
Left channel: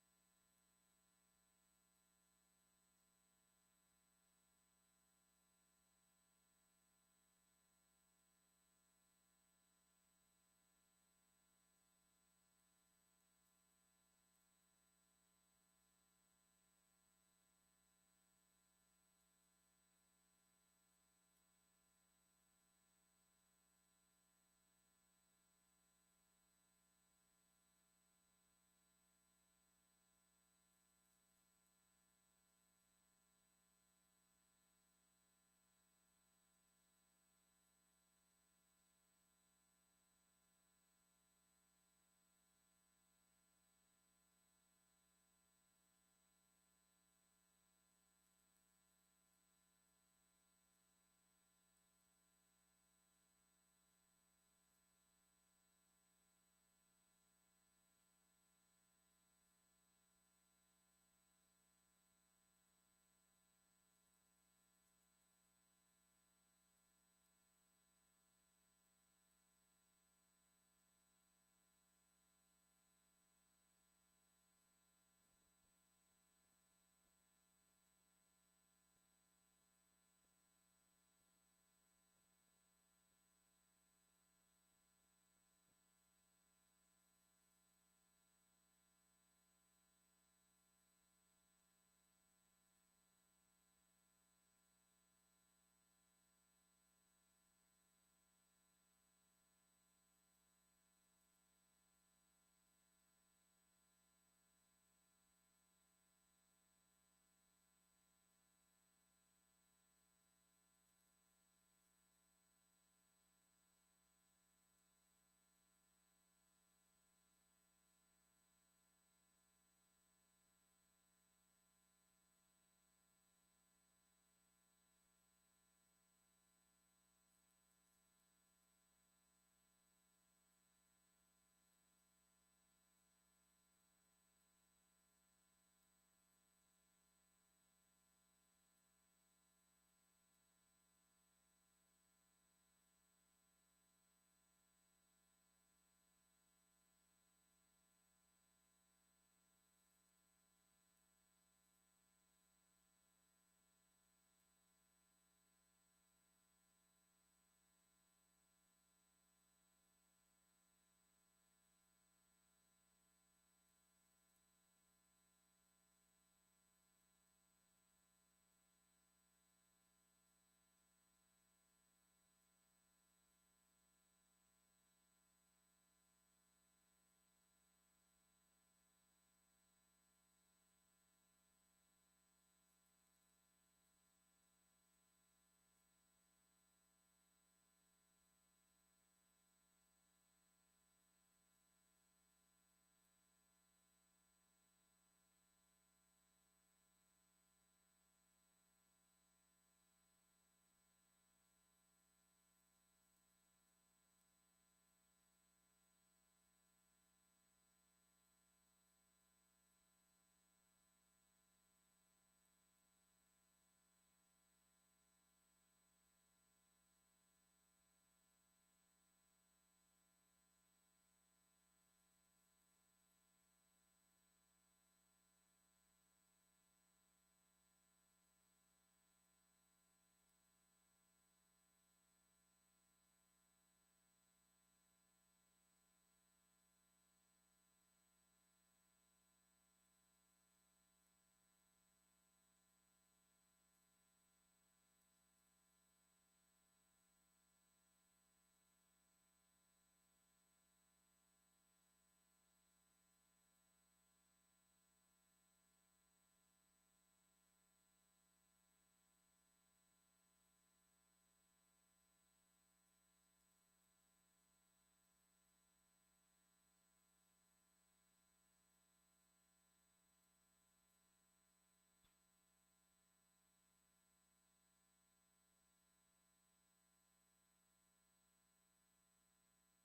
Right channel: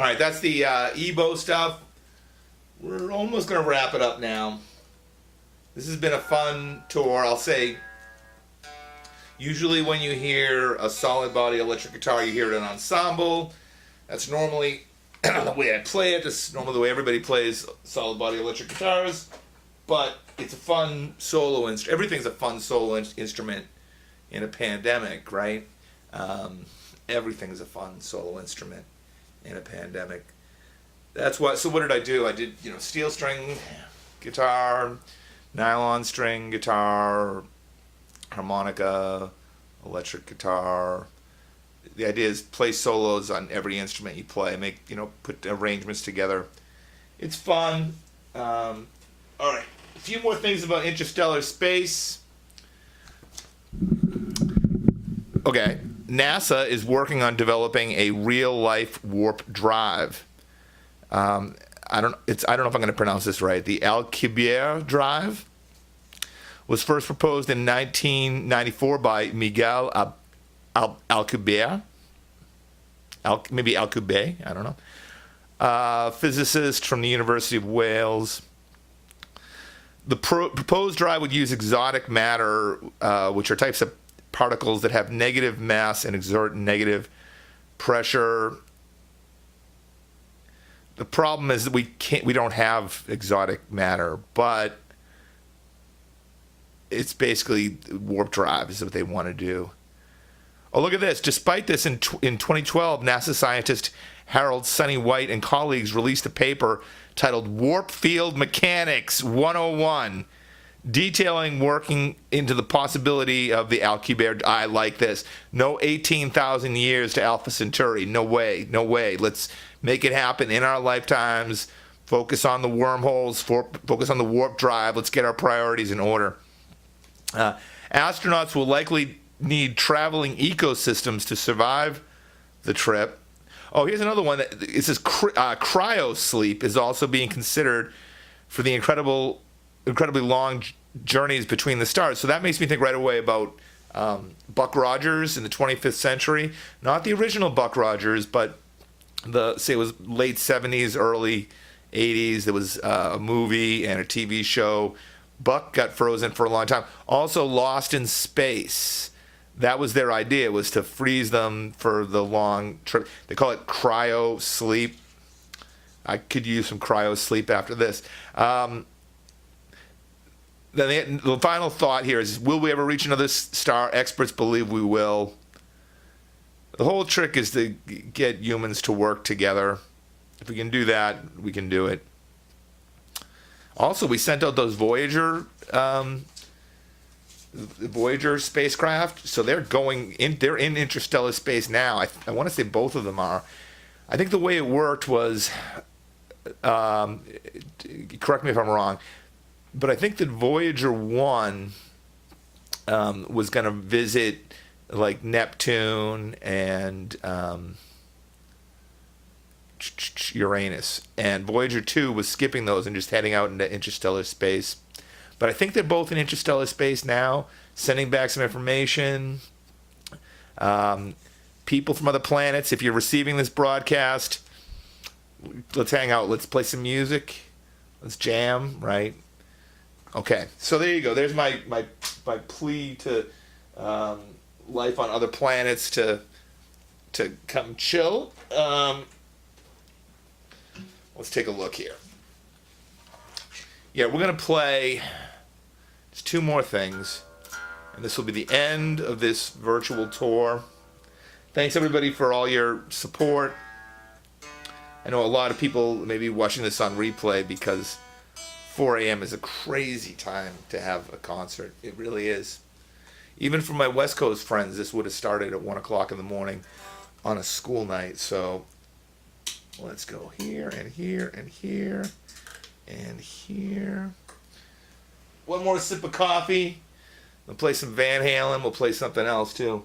right, that's the EBow stuff. We're almost going to wrap it up now. This has been a fun tour. I'll say, usually when you hear a solid body electric guitar, you hear it in ensemble. That's normally the way I play it. It's normally the way everybody plays solid body electric guitars. But it's a fun solo instrument. Everything's a fun solo instrument in a pandemic, right? Everything's a fun solo instrument in a pandemic. That's what. So what did I do? I did, steel string guitar, nylon string guitar, harmonica, electric guitar. The idea is play solos on every instrument you play. Put arrangements together. It's fun. All right. A few more things about interstellar space. Okay. NASA is working on developing a real-life warp drive. I don't know if I'm going to pronounce this right. The Alcubierre drive was first proposed in 1994 by Miguel Alcubierre. Maybe Alcubierre, I don't know. Physicist from the University of Wales. The proposed drive would use exotic matter, which are types of particles that have negative mass and exert negative pressure. The problem is that we don't have exotic matter, but it's basically warp drive is what they want to do. Oh, look at this. Despite this, in 2012, NASA scientist Harold Sunny White and colleagues released a paper titled Warp Field Mechanics 101, detailing working into the possibility of the Alcubierre. I like this. No 18,000 years to Alpha Centauri. No way. No way. Let's make it happen in our lifetimes. Focus on the wormholes. Focus on the warp drive. Let's get our priorities in order. Astronauts will likely need traveling ecosystems to survive the trip. Oh, here's another one. It says cryo sleep is also being considered for the incredibly long journeys between the stars. So that makes me think right away about Buck Rogers in the 25th century. Not the original Buck Rogers, but it was late 70s, early 80s. There was a movie and a TV show. Buck got frozen for a long time. Also Lost in Space. That was their idea, was to freeze them for the long trip. They call it cryo sleep. I could use some cryo sleep after this. Then the final thought here is, will we ever reach another star? Experts believe we will. The whole trick is to get humans to work together. If we can do that, we can do it. Also, we sent out those Voyager spacecraft, so they're in interstellar space now. I want to say both of them are. I think the way it worked was, correct me if I'm wrong, but I think that Voyager 1 was going to visit like Neptune and Uranus, and Voyager 2 was skipping those and just heading out into interstellar space. But I think they're both in interstellar space now, sending back some information. People from other planets, if you're receiving this broadcast, let's hang out. Let's play some music. Let's jam, right? Okay, so there you go. There's my plea to life on other planets to come chill. Let's take a look here. Yeah, we're going to play just two more things, and this will be the end of this virtual tour. Thanks, everybody, for all your support. I know a lot of people may be watching this on replay because 4 a.m. is a crazy time to have a concert. It really is. Even for my West Coast friends, this would have started at 1 o'clock in the morning on a school night. So Let's go here and here and here and here. One more sip of coffee. We'll play some Van Halen. We'll play something else too.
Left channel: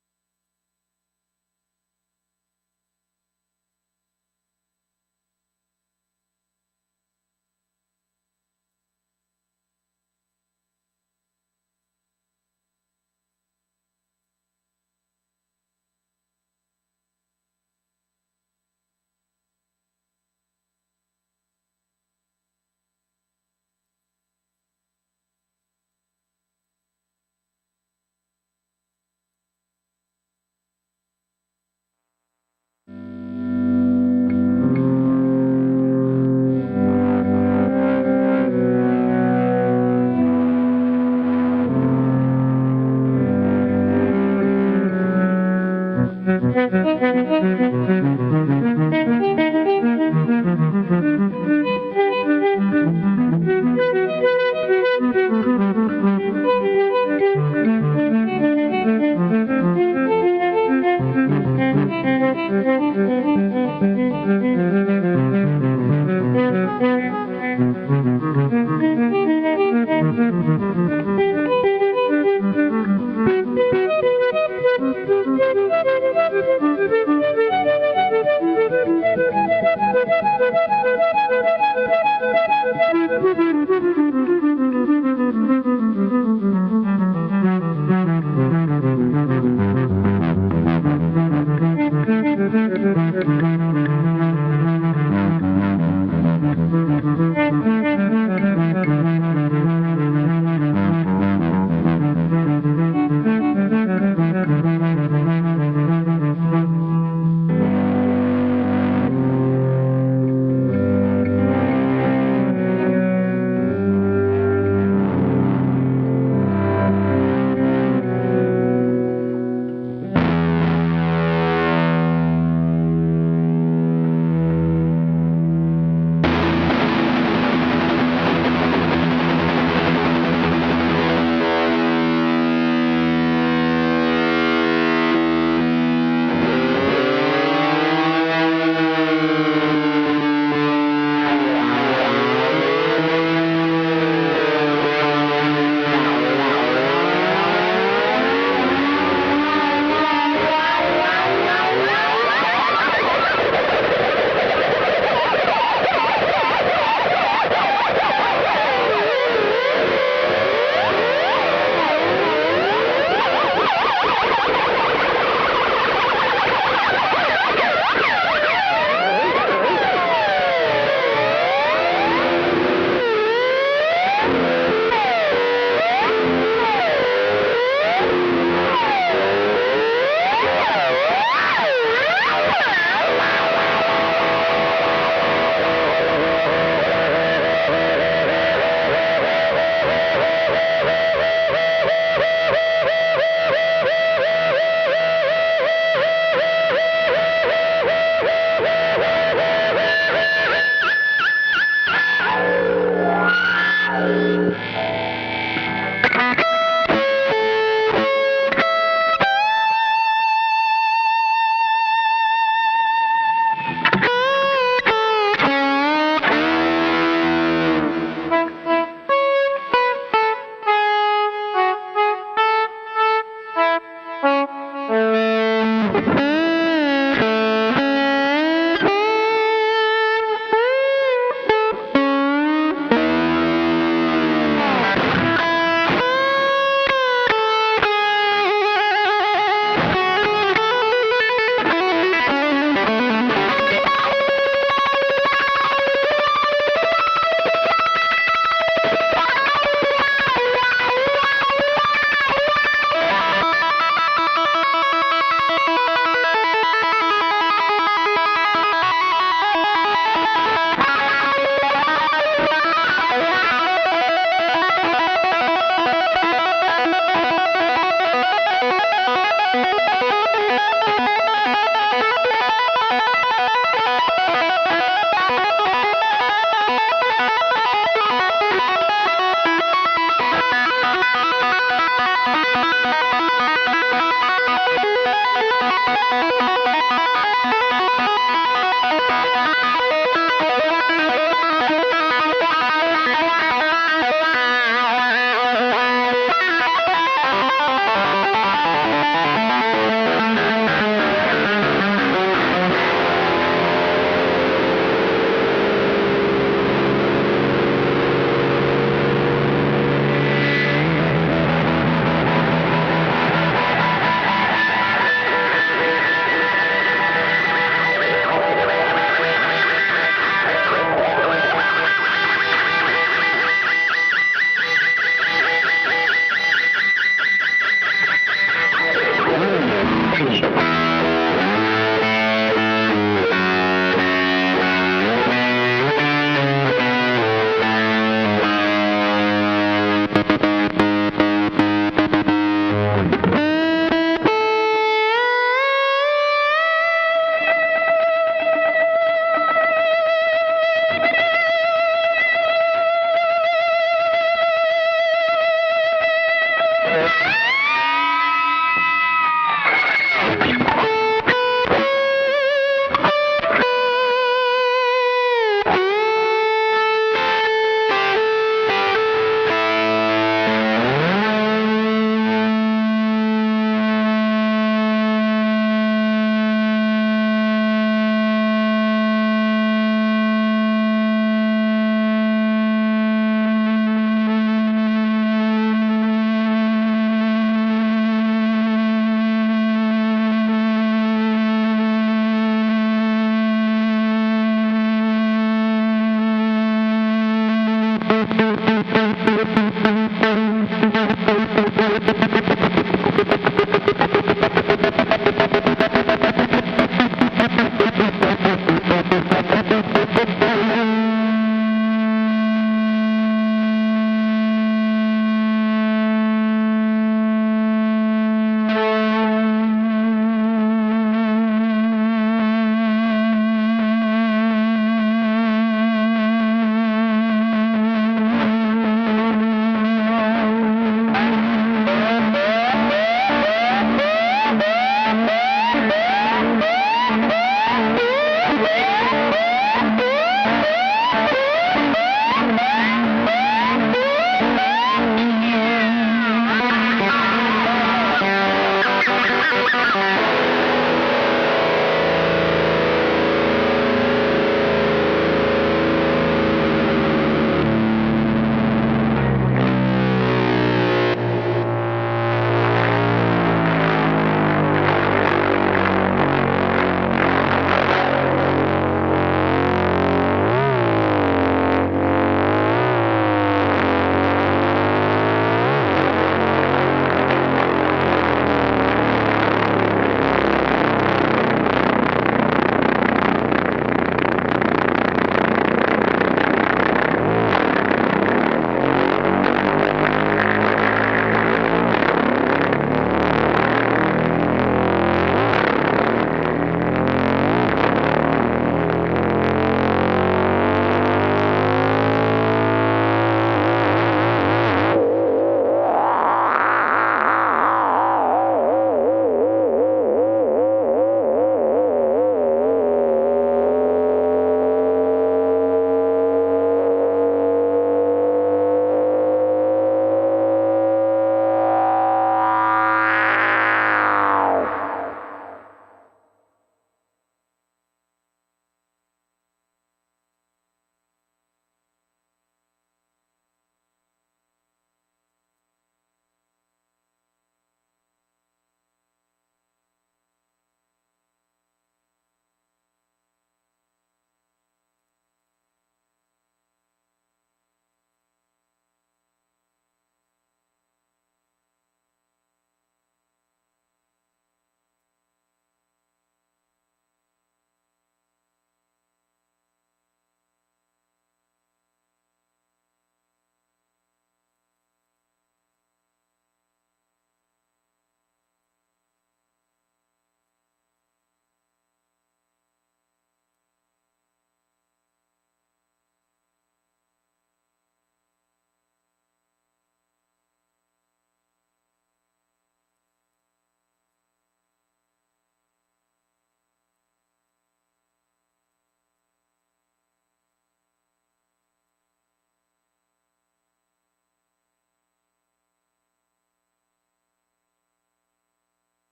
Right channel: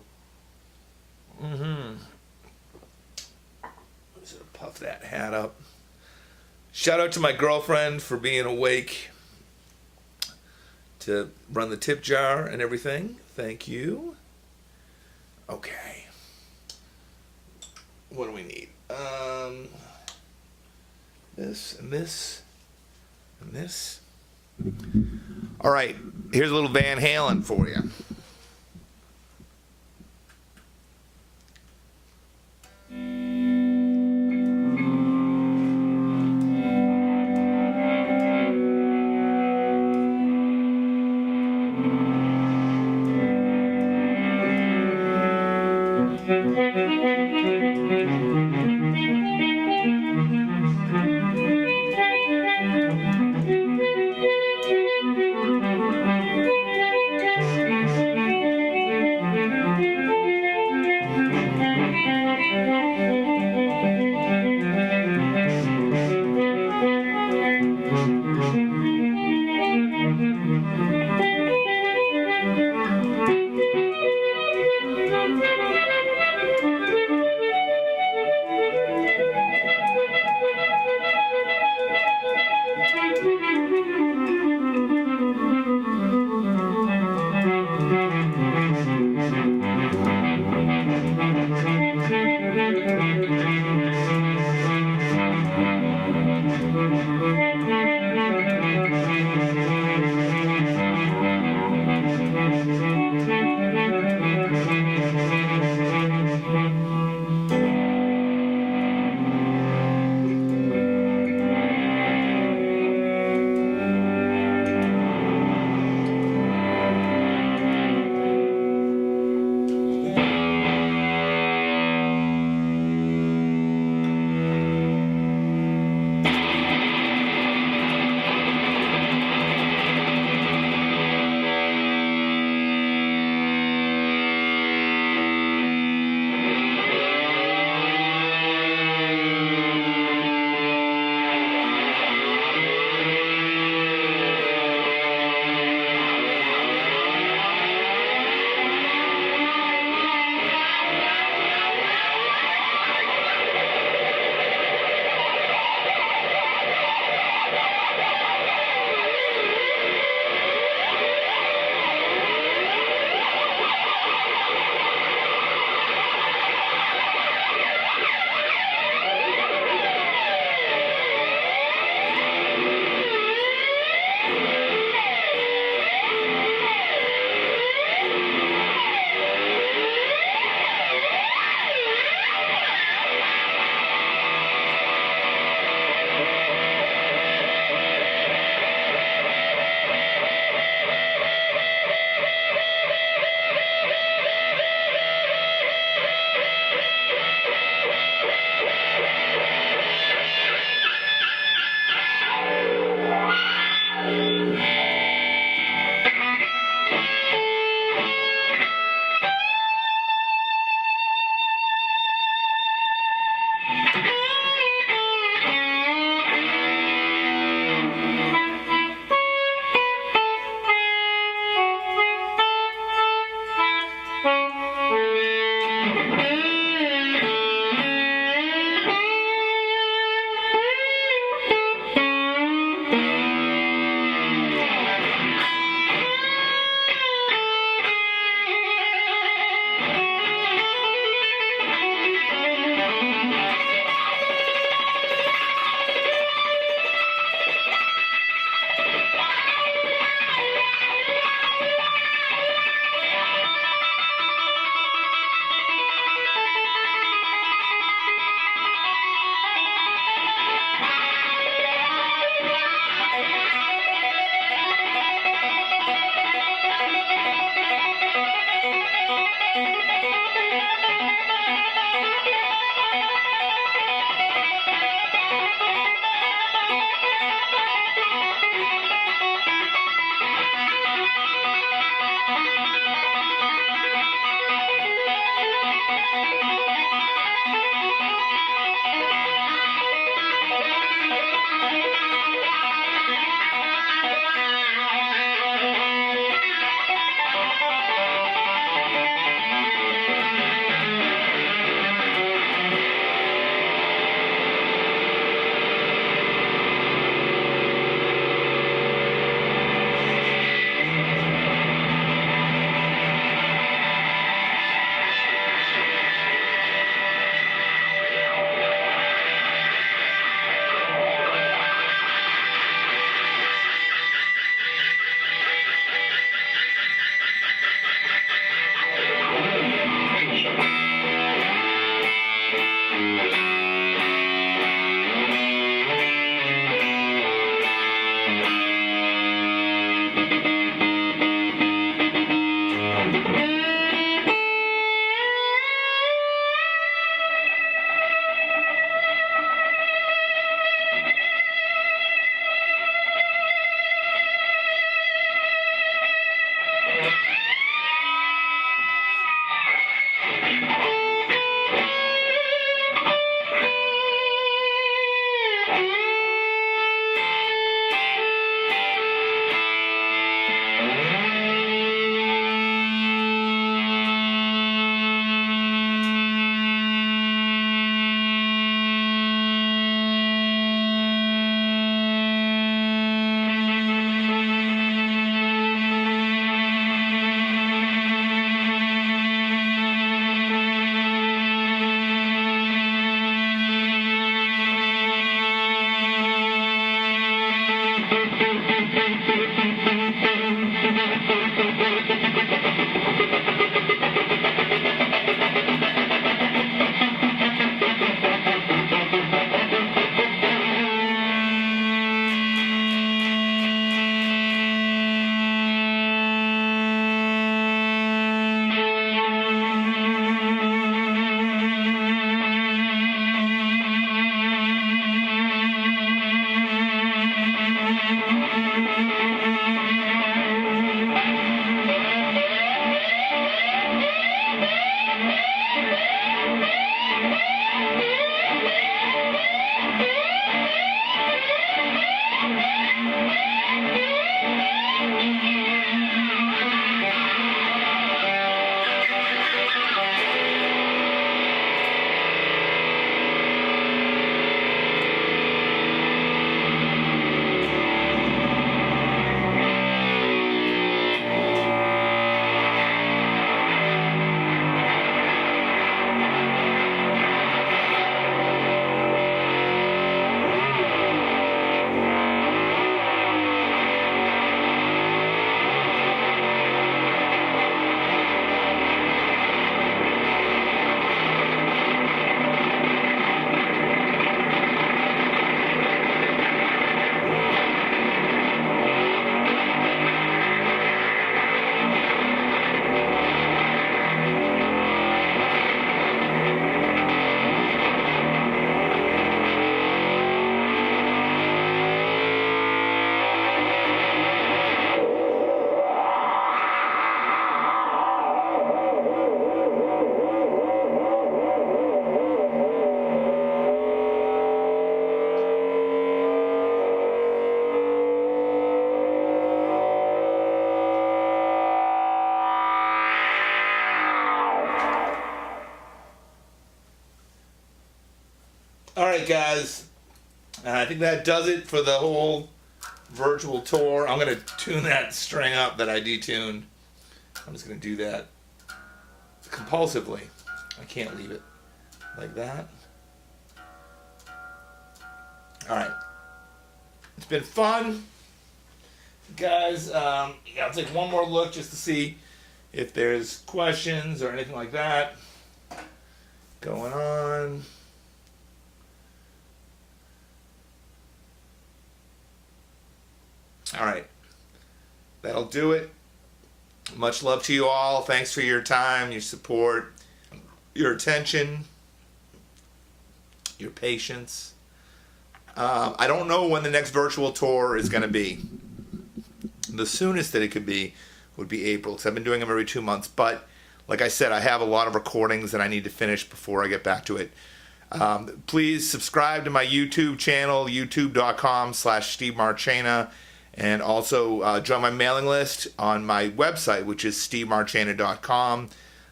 Just puff that hat up. Shout out to my girlfriend for being awake to run the tip jar and everything. Thank you. Okay. What do we need? This and this and this. All right, here's a little Van Halen for you. All right, guys. I think that does it for the whole virtual tour. I'm going to tune that string up that I detuned. I'm just going to do that compulsively. I can't leave it like that. All right. It's been fun. Guys, I'll take one more look just to see if there's questions or anything like that going on. All right. That'll do it. Much love to you all. Thanks for your time, your support, your attention, your patience. I don't know when the next virtual tour is going to be. The soonest that it could be would be April, because I've been doing them every 2 months. But like I said, I have a lot of recordings that I need to finish before I get back to it. Please subscribe to my YouTube channel, youtube.com/Steve Marchena. And also join my mailing list on my website, which is stevemarchena.com.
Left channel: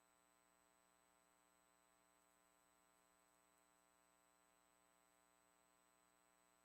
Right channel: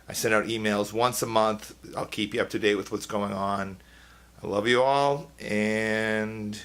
I send out emails once a month. I'll keep you up to date with what's going on. I love you all, and